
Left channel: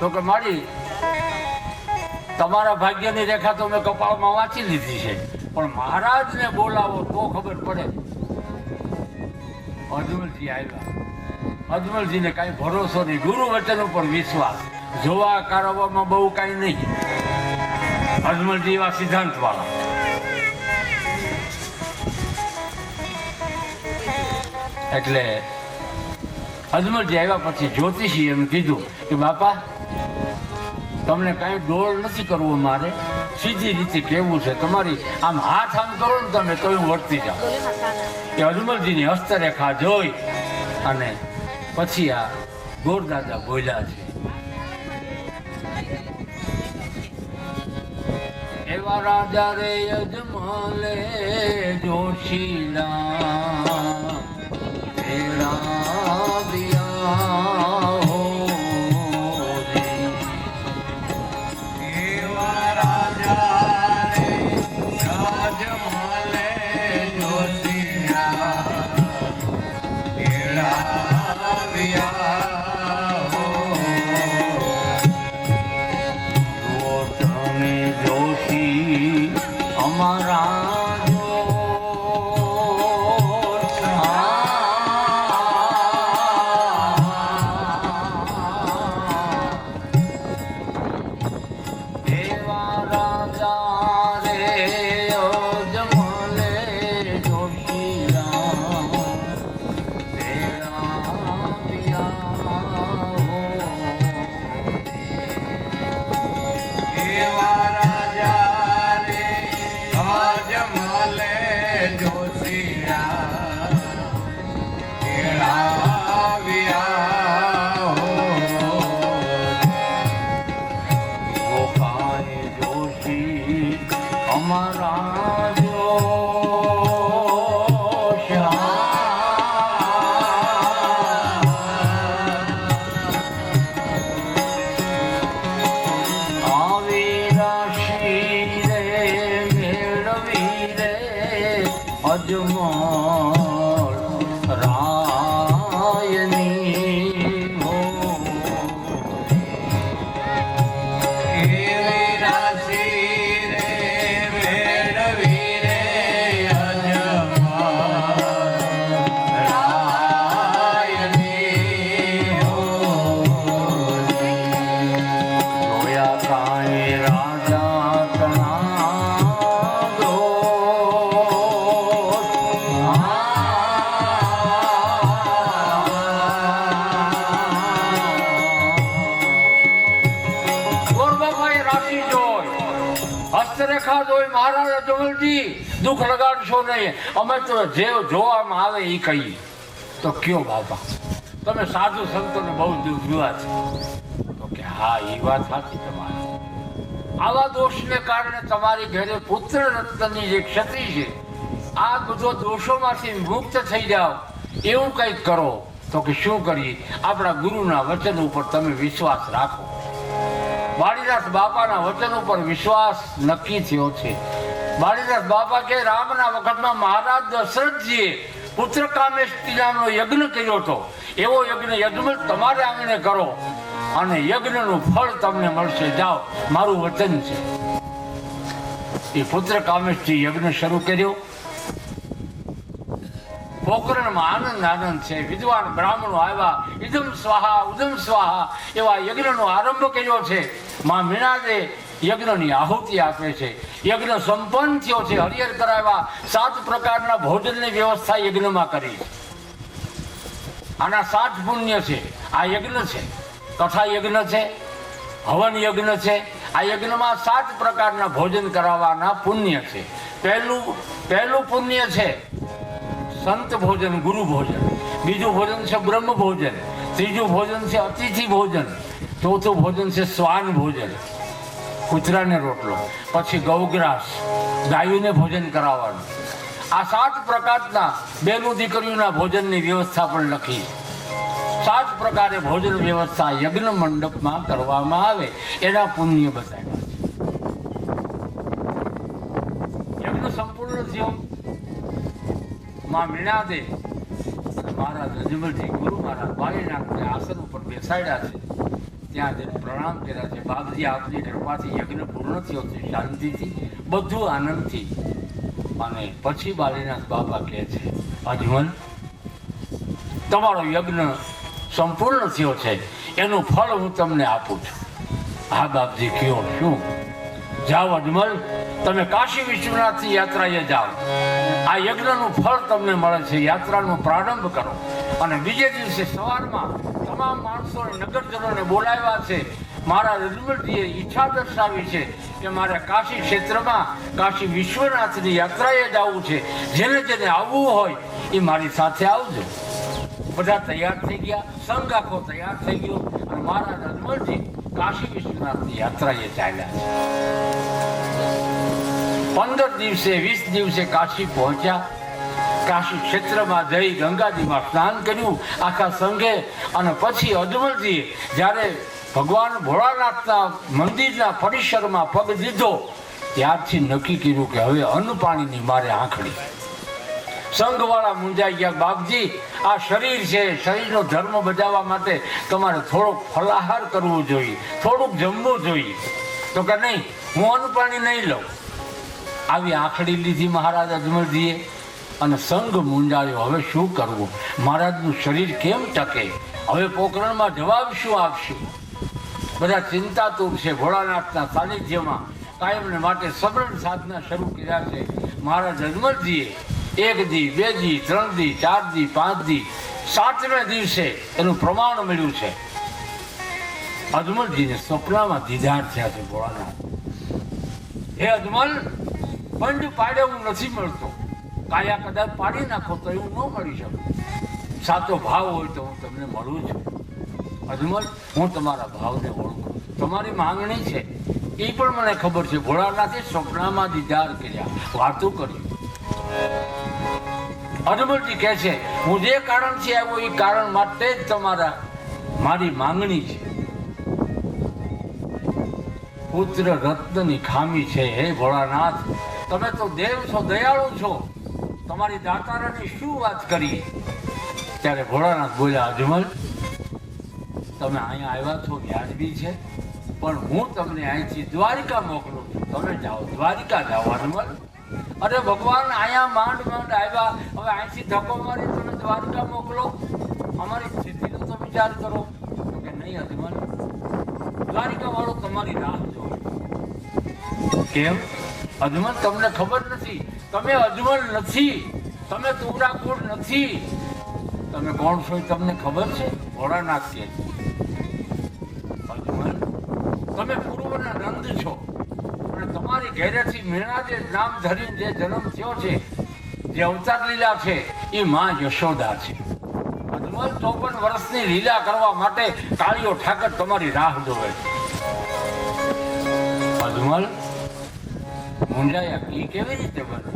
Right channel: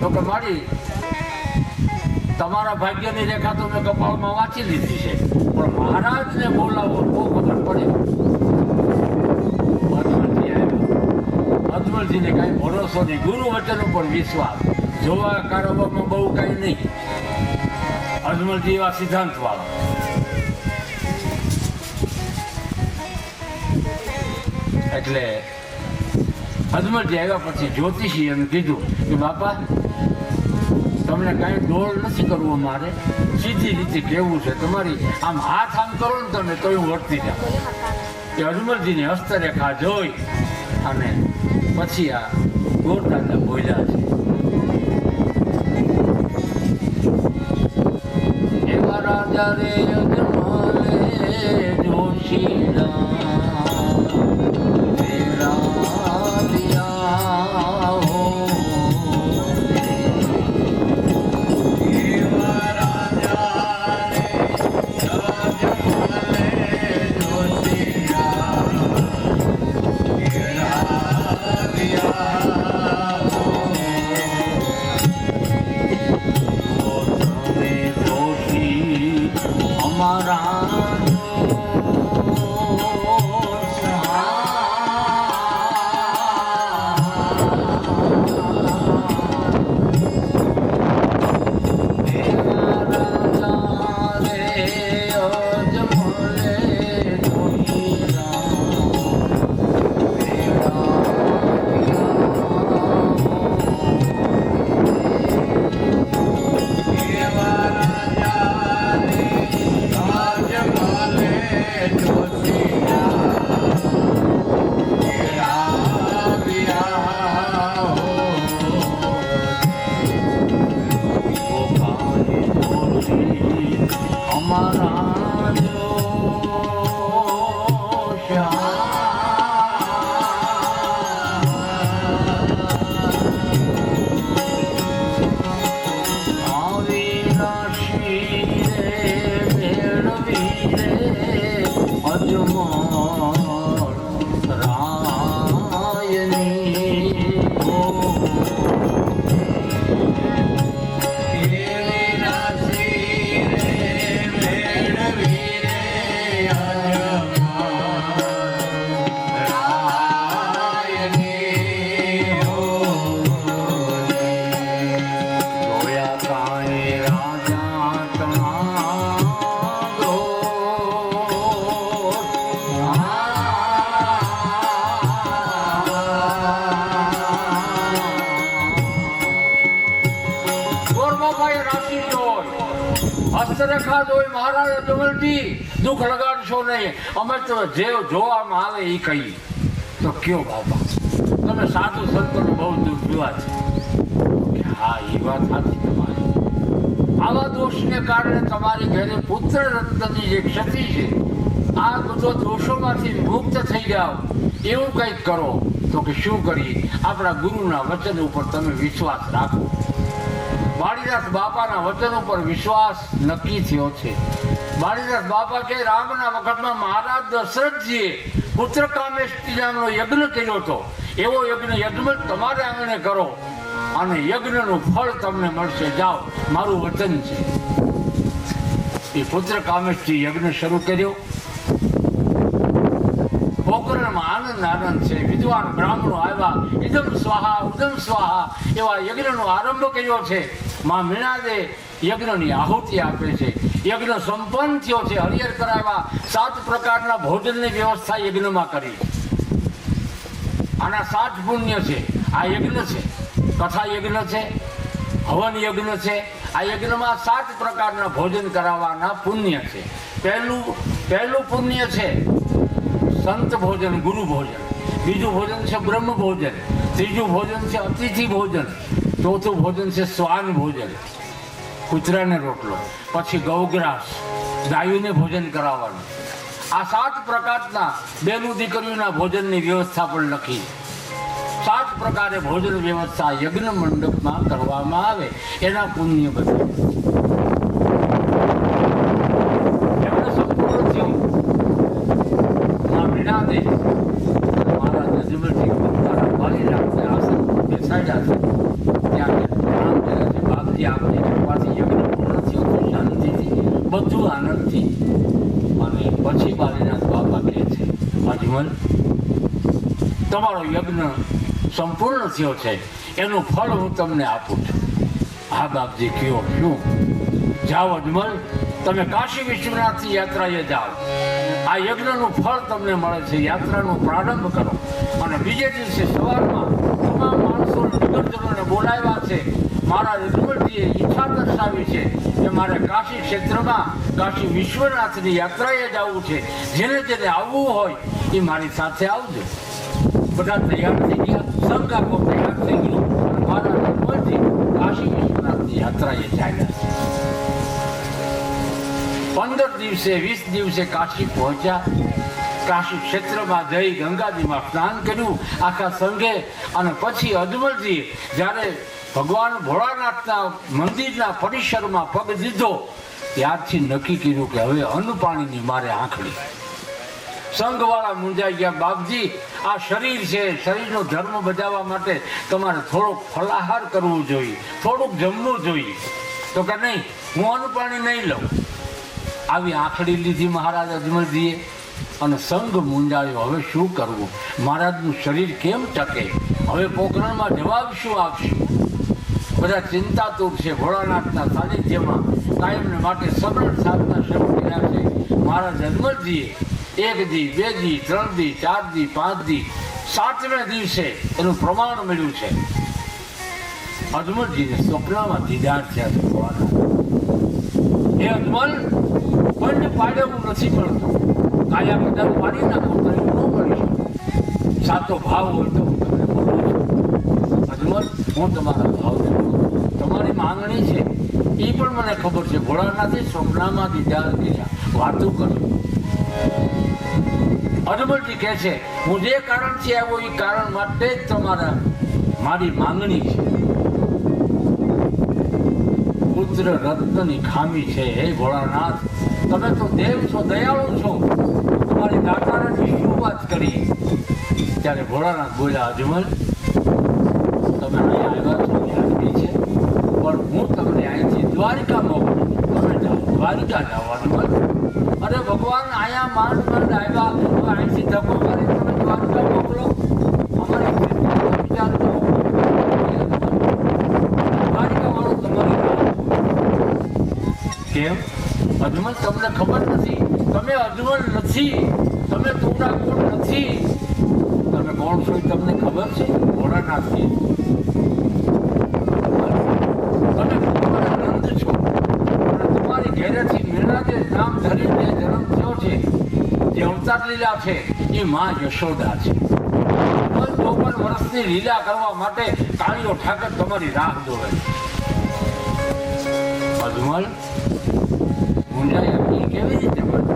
તો કે મારી તમારા ભાગ્યની રેખા તો મેં કપાળમાં વાંચી લીધી છે, પણ મહારાજને બોલાવો તો ખબર પડે. અજમલજી આવ્યો. અજમલજીને કાંઈ ભરોસો નહીં, ગુરુ વચન ઉપર વિશ્વાસ, જોવા કારવામાં બહુ કાંઈ નહીં. અજમલજી એવા સિદ્ધાંત વાળા. એટલે અજમલજી આવ્યા પછી જ્યોતિષી એમ કીધું કે બાપા તમને કાંઈ ડોળ નથી કરવો, મારે સીધી રીતે કહેવું છે. તમારી આમ હાથ આમ કરો ને તમે તો હું વર્તી જાઉં. કે અજમલજીની હસ્તરેખા જોઈ અને પછી આ ગોરદાદા બોલ્યા છે, એવા રાજા રે અજમલે જોશીના રે અજમલ રાયની હો એવી રાશિ રે મેળવી રે રાયની હો જોયા કાંઈ રાજા તમારો ગોરબાપાએ રાશિ જોઈ, હસ્તરેખા જોઈ, મહારાજ અજમલજી દુઃખ લગાડશો નહીં, અમે તો જે જોવામાં આવે એ કહીએ. તો કયો બાબા તમે સાધુ સંતોને બહુ દુઃખ જોયા છે? તો કે હા એ વાત સાચી તમારી. આવા દોષને કારણે તમારી ઘરે પુત્ર રત્નની જે ક્ષતિ છે આ બધો દોષોમાંથી મુક્ત થઈ જાઓ એવું કંઈક કરો. તો કે શું કરીએ? આપણા ગુરુના વચન ઉપર તમે વિશ્વાસ રાખો. વાડીદાસ બાપાના વચન ઉપર વિશ્વાસ નક્કી થયો છે. વાડીદાસ બાપા કે રામના વખતમાં મહારાજ દશરથજીએ પુત્ર કામેષ્ટિ નામનો યજ્ઞ કર્યો હતો. એવો યજ્ઞ યજ્ઞ તમારે આંગણે કરો અને યજ્ઞનું ફળ તમને મળશે. જાઓ, મારું વચન છે. એ પુત્ર કામેષ્ટિ યજ્ઞ શરૂ કર્યો. પોકરણમાં આનંદ છે. વિદ્વાન બ્રાહ્મણો આવ્યા, ઇદમ સ્વાહા ઉદમ સ્વાહા એવા યજ્ઞનો આરંભ કર્યો છે. માં મીણાદે યજ્ઞની આહુતિ આપે છે. યજ્ઞ સંપન્ન થયો છે. હરિહર કરાવ્યા. 7 પ્રકારના ભોજનની વ્યવસ્થા યજ્ઞમાં કરી. આના 7 પુણ્ય છે. આ યજ્ઞ છે, કથા યજ્ઞ છે, હવન યજ્ઞ છે. આ યજ્ઞમાં 7 પ્રકારના ભોજન કરાવવાના પુણ્ય છે. પહેલું પુણ્ય છે સંત ભોજન, ગુરુ ભોજન. બીજું ભોજન છે બ્રહ્મ ભોજન. ત્રીજું ભોજન છે અતિથિ ભોજન. ચોથું ભોજન છે શ્વાન ભોજન, કૂતરાને રોટલો. પછી ગૌગ્રાસ, ગાયોને ભોજન કરાવવાનું. આ 7 પ્રકારના બેનું દીકરીઓના ભોજનની વ્યવસ્થા પણ લખી. 7 પ્રકારે ભોજન વ્યવસ્થા યજ્ઞ મંડપમાં કરવામાં આવે એના પુણ્ય બધા. યજ્ઞ સંપૂર્ણ થયું. માં વીણાદે મારા અજમલજી મારા વાલીનાથને આસન પર બેસાડ્યા છે. ત્યાં પ્રણામ કર્યા છે. બાપજી આપણી કૃપાથી યજ્ઞ પૂર્ણ થયો છે શાંતિથી, બધું આનંદથી. અને પછી બાલીનાથ બાબા કહે છે, અજમલ તમારો યજ્ઞ સંપૂર્ણ થયો છે, એનું ફળ હું તમને આપું છું. હા બાપજી કયો શું? જાઓ અજમલ, તમે કાશી વિશ્વનાથની યાત્રાએ જાઓ. આ યજ્ઞનું ફળ તમને મળે છે. યાત્રાનો પ્રારંભ કરો. અને બીજે દિવસે સવારમાં તમામ માણસોને, નગરજનોને બોલાવ્યા છે. મારા અજમલજીએ ઈચ્છા દર્શાવી છે કે મારે કાશી ક્ષેત્રમાં કાશી વિશ્વનાથની યાત્રાએ જવું છે. જેને જેને આવવું હોય એ મારી સાથે આવજો. બધા તૈયાર થઈ ગયા. સંઘ આખો તૈયાર થઈ ગયો. મારા અજમલજી કાશી વિશ્વનાથની યાત્રાએ ચાલ્યા. 15 દિવસે 20 દિવસે કાશી પહોંચ્યા. કાશી ક્ષેત્રમાં જઈ ગંગાજીમાં સ્નાન કર્યું આખા સંઘે. અને પછી અજમલજીએ જ્યારે ભગવાન ભોળાનાથના મંદિરના પરિસરમાં પગ દીધો ત્યારથી નક્કી કર્યું કે હવે અન્ન પાણીની મારે આંખડી. સંઘવાળા મૂંઝાઈ ગયા. બાપજી, આ શરીર છે, શરીરનો ધર્મ બજાવવા માટે તમારે થોડોક ફલાહાર કરવું જોઈએ, થોડુંક જમવું જોઈએ. તો કે નહીં, હું અન્ન પાણી નહીં લઉં. આવી આંખડી લીધી મહારાજ અજમલજીએ. અને સંઘ મૂંઝાયો, હવે શું કરવું? મહારાજનું શરીર કેમ ટકે? હવે પોખરણમાં જવાબ શું આપશું? બધા ચિંતાતુર છે. ભોળાનાથના સાનિધ્યમાં કાયમને માટે સબળ સાધના શરૂ કર્યા છે. મહારાજ અજમલજીએ 1 દી, 2 દી, 3 દી, 4 દી, 5 દી, 7મે દિવસે એનું પ્રમાણ મળ્યું છે. અજમલજીને સ્વપ્નમાં દીદાર થયા છે ભોળાનાથ. હે અજમલ, પંડ પાડવું નથી મળતું. કાયા કદાચ પાડી નાખો તો એવું ન મળી શકે. સાચો ભાવ હોય તો હું તમને મળું છું. અજમલ, હું તમારા ભાવ છું. તમારી માંગણી છે એ પણ મને ખબર છે. ભોળાનાથે સ્વપ્નમાં દીદાર કર્યા, વાતો કરી. અજમલજી કહે છે, હું જે કારણથી આવ્યો એ કારણ માટે જ તમારા મારી માંગણી છે. પુત્ર રત્નની ખામી છે. હે ભોળાનાથ, તમે તો દેવ છો, દયાળુ છો, તમારી દાતારાની શું વાત કરી? ત્યારે ભોળાનાથ બોલ્યા, અજમલ તમે અહીંયા આવ્યા છો વ્યાજબી છે, પણ હું તમને અહીંથી દ્વારિકા મોકલું. તમે જાઓ, દ્વારિકા જાઓ અજમલ. અરે ભગવાન, અહીંયા માંડ માંડ આવ્યા, હવે અહીંથી ધક્કો મારી તમે દ્વારકા મોકલો? અમારી સ્થિતિનો વિચાર કરો. દ્વારિકા વાળો તમારી રાહ જુએ. કેમ અજમલ, તમને ખબર નથી? તમે અજમલ નથી, તમે કોડા કોડ નથી. તમે કોણ છો એ તમને ખબર છે? ભોળાનાથ છે. તમે પૂર્વના નંદ છો અને તમારી ઘેરેથી મીણા જે નામ ધરીને જન્મ થયો છે, જે અવતાર લીલા છે, એ માં યશોદા છે. 54 વર્ષની લીલા કરવા માટે કાળીઓ ઠાકર તમારી રાહ જોવે છે. અજમલ મુંજાયા, એ કેવી રીતે બને?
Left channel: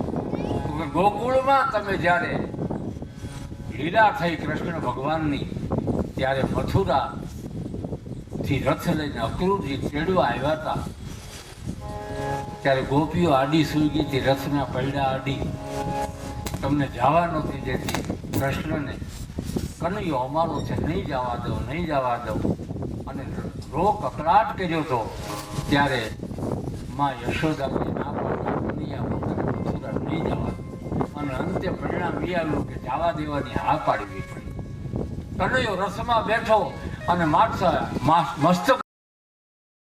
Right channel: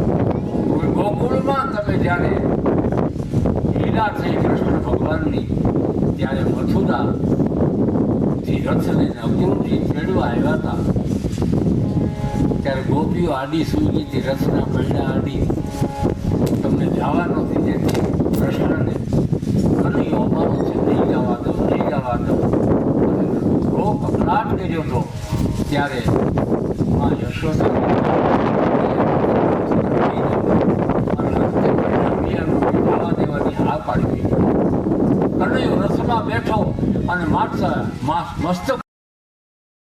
ગોકુળમાં તમે જ્યારે લીલા થઈ કૃષ્ણ ભગવાનની, ત્યારે મથુરાથી રથ લઈને અક્રૂરથી ખેડવા આવ્યા હતા. ત્યારે ગોપીઓ આડી સુલગીથી રથના પૈડા આડી તમને જવા નહોતી દેતી. કૃષ્ણને કનૈયો અમારો છે, નહીં જવા દો, નહીં જવા દો, અને રોગ કકડાટ કર્યો હતો. ત્યારે માં યશોદા જવા દેવાની હા પાડી. કનૈયો રથમાં બેઠો અને મસ્તક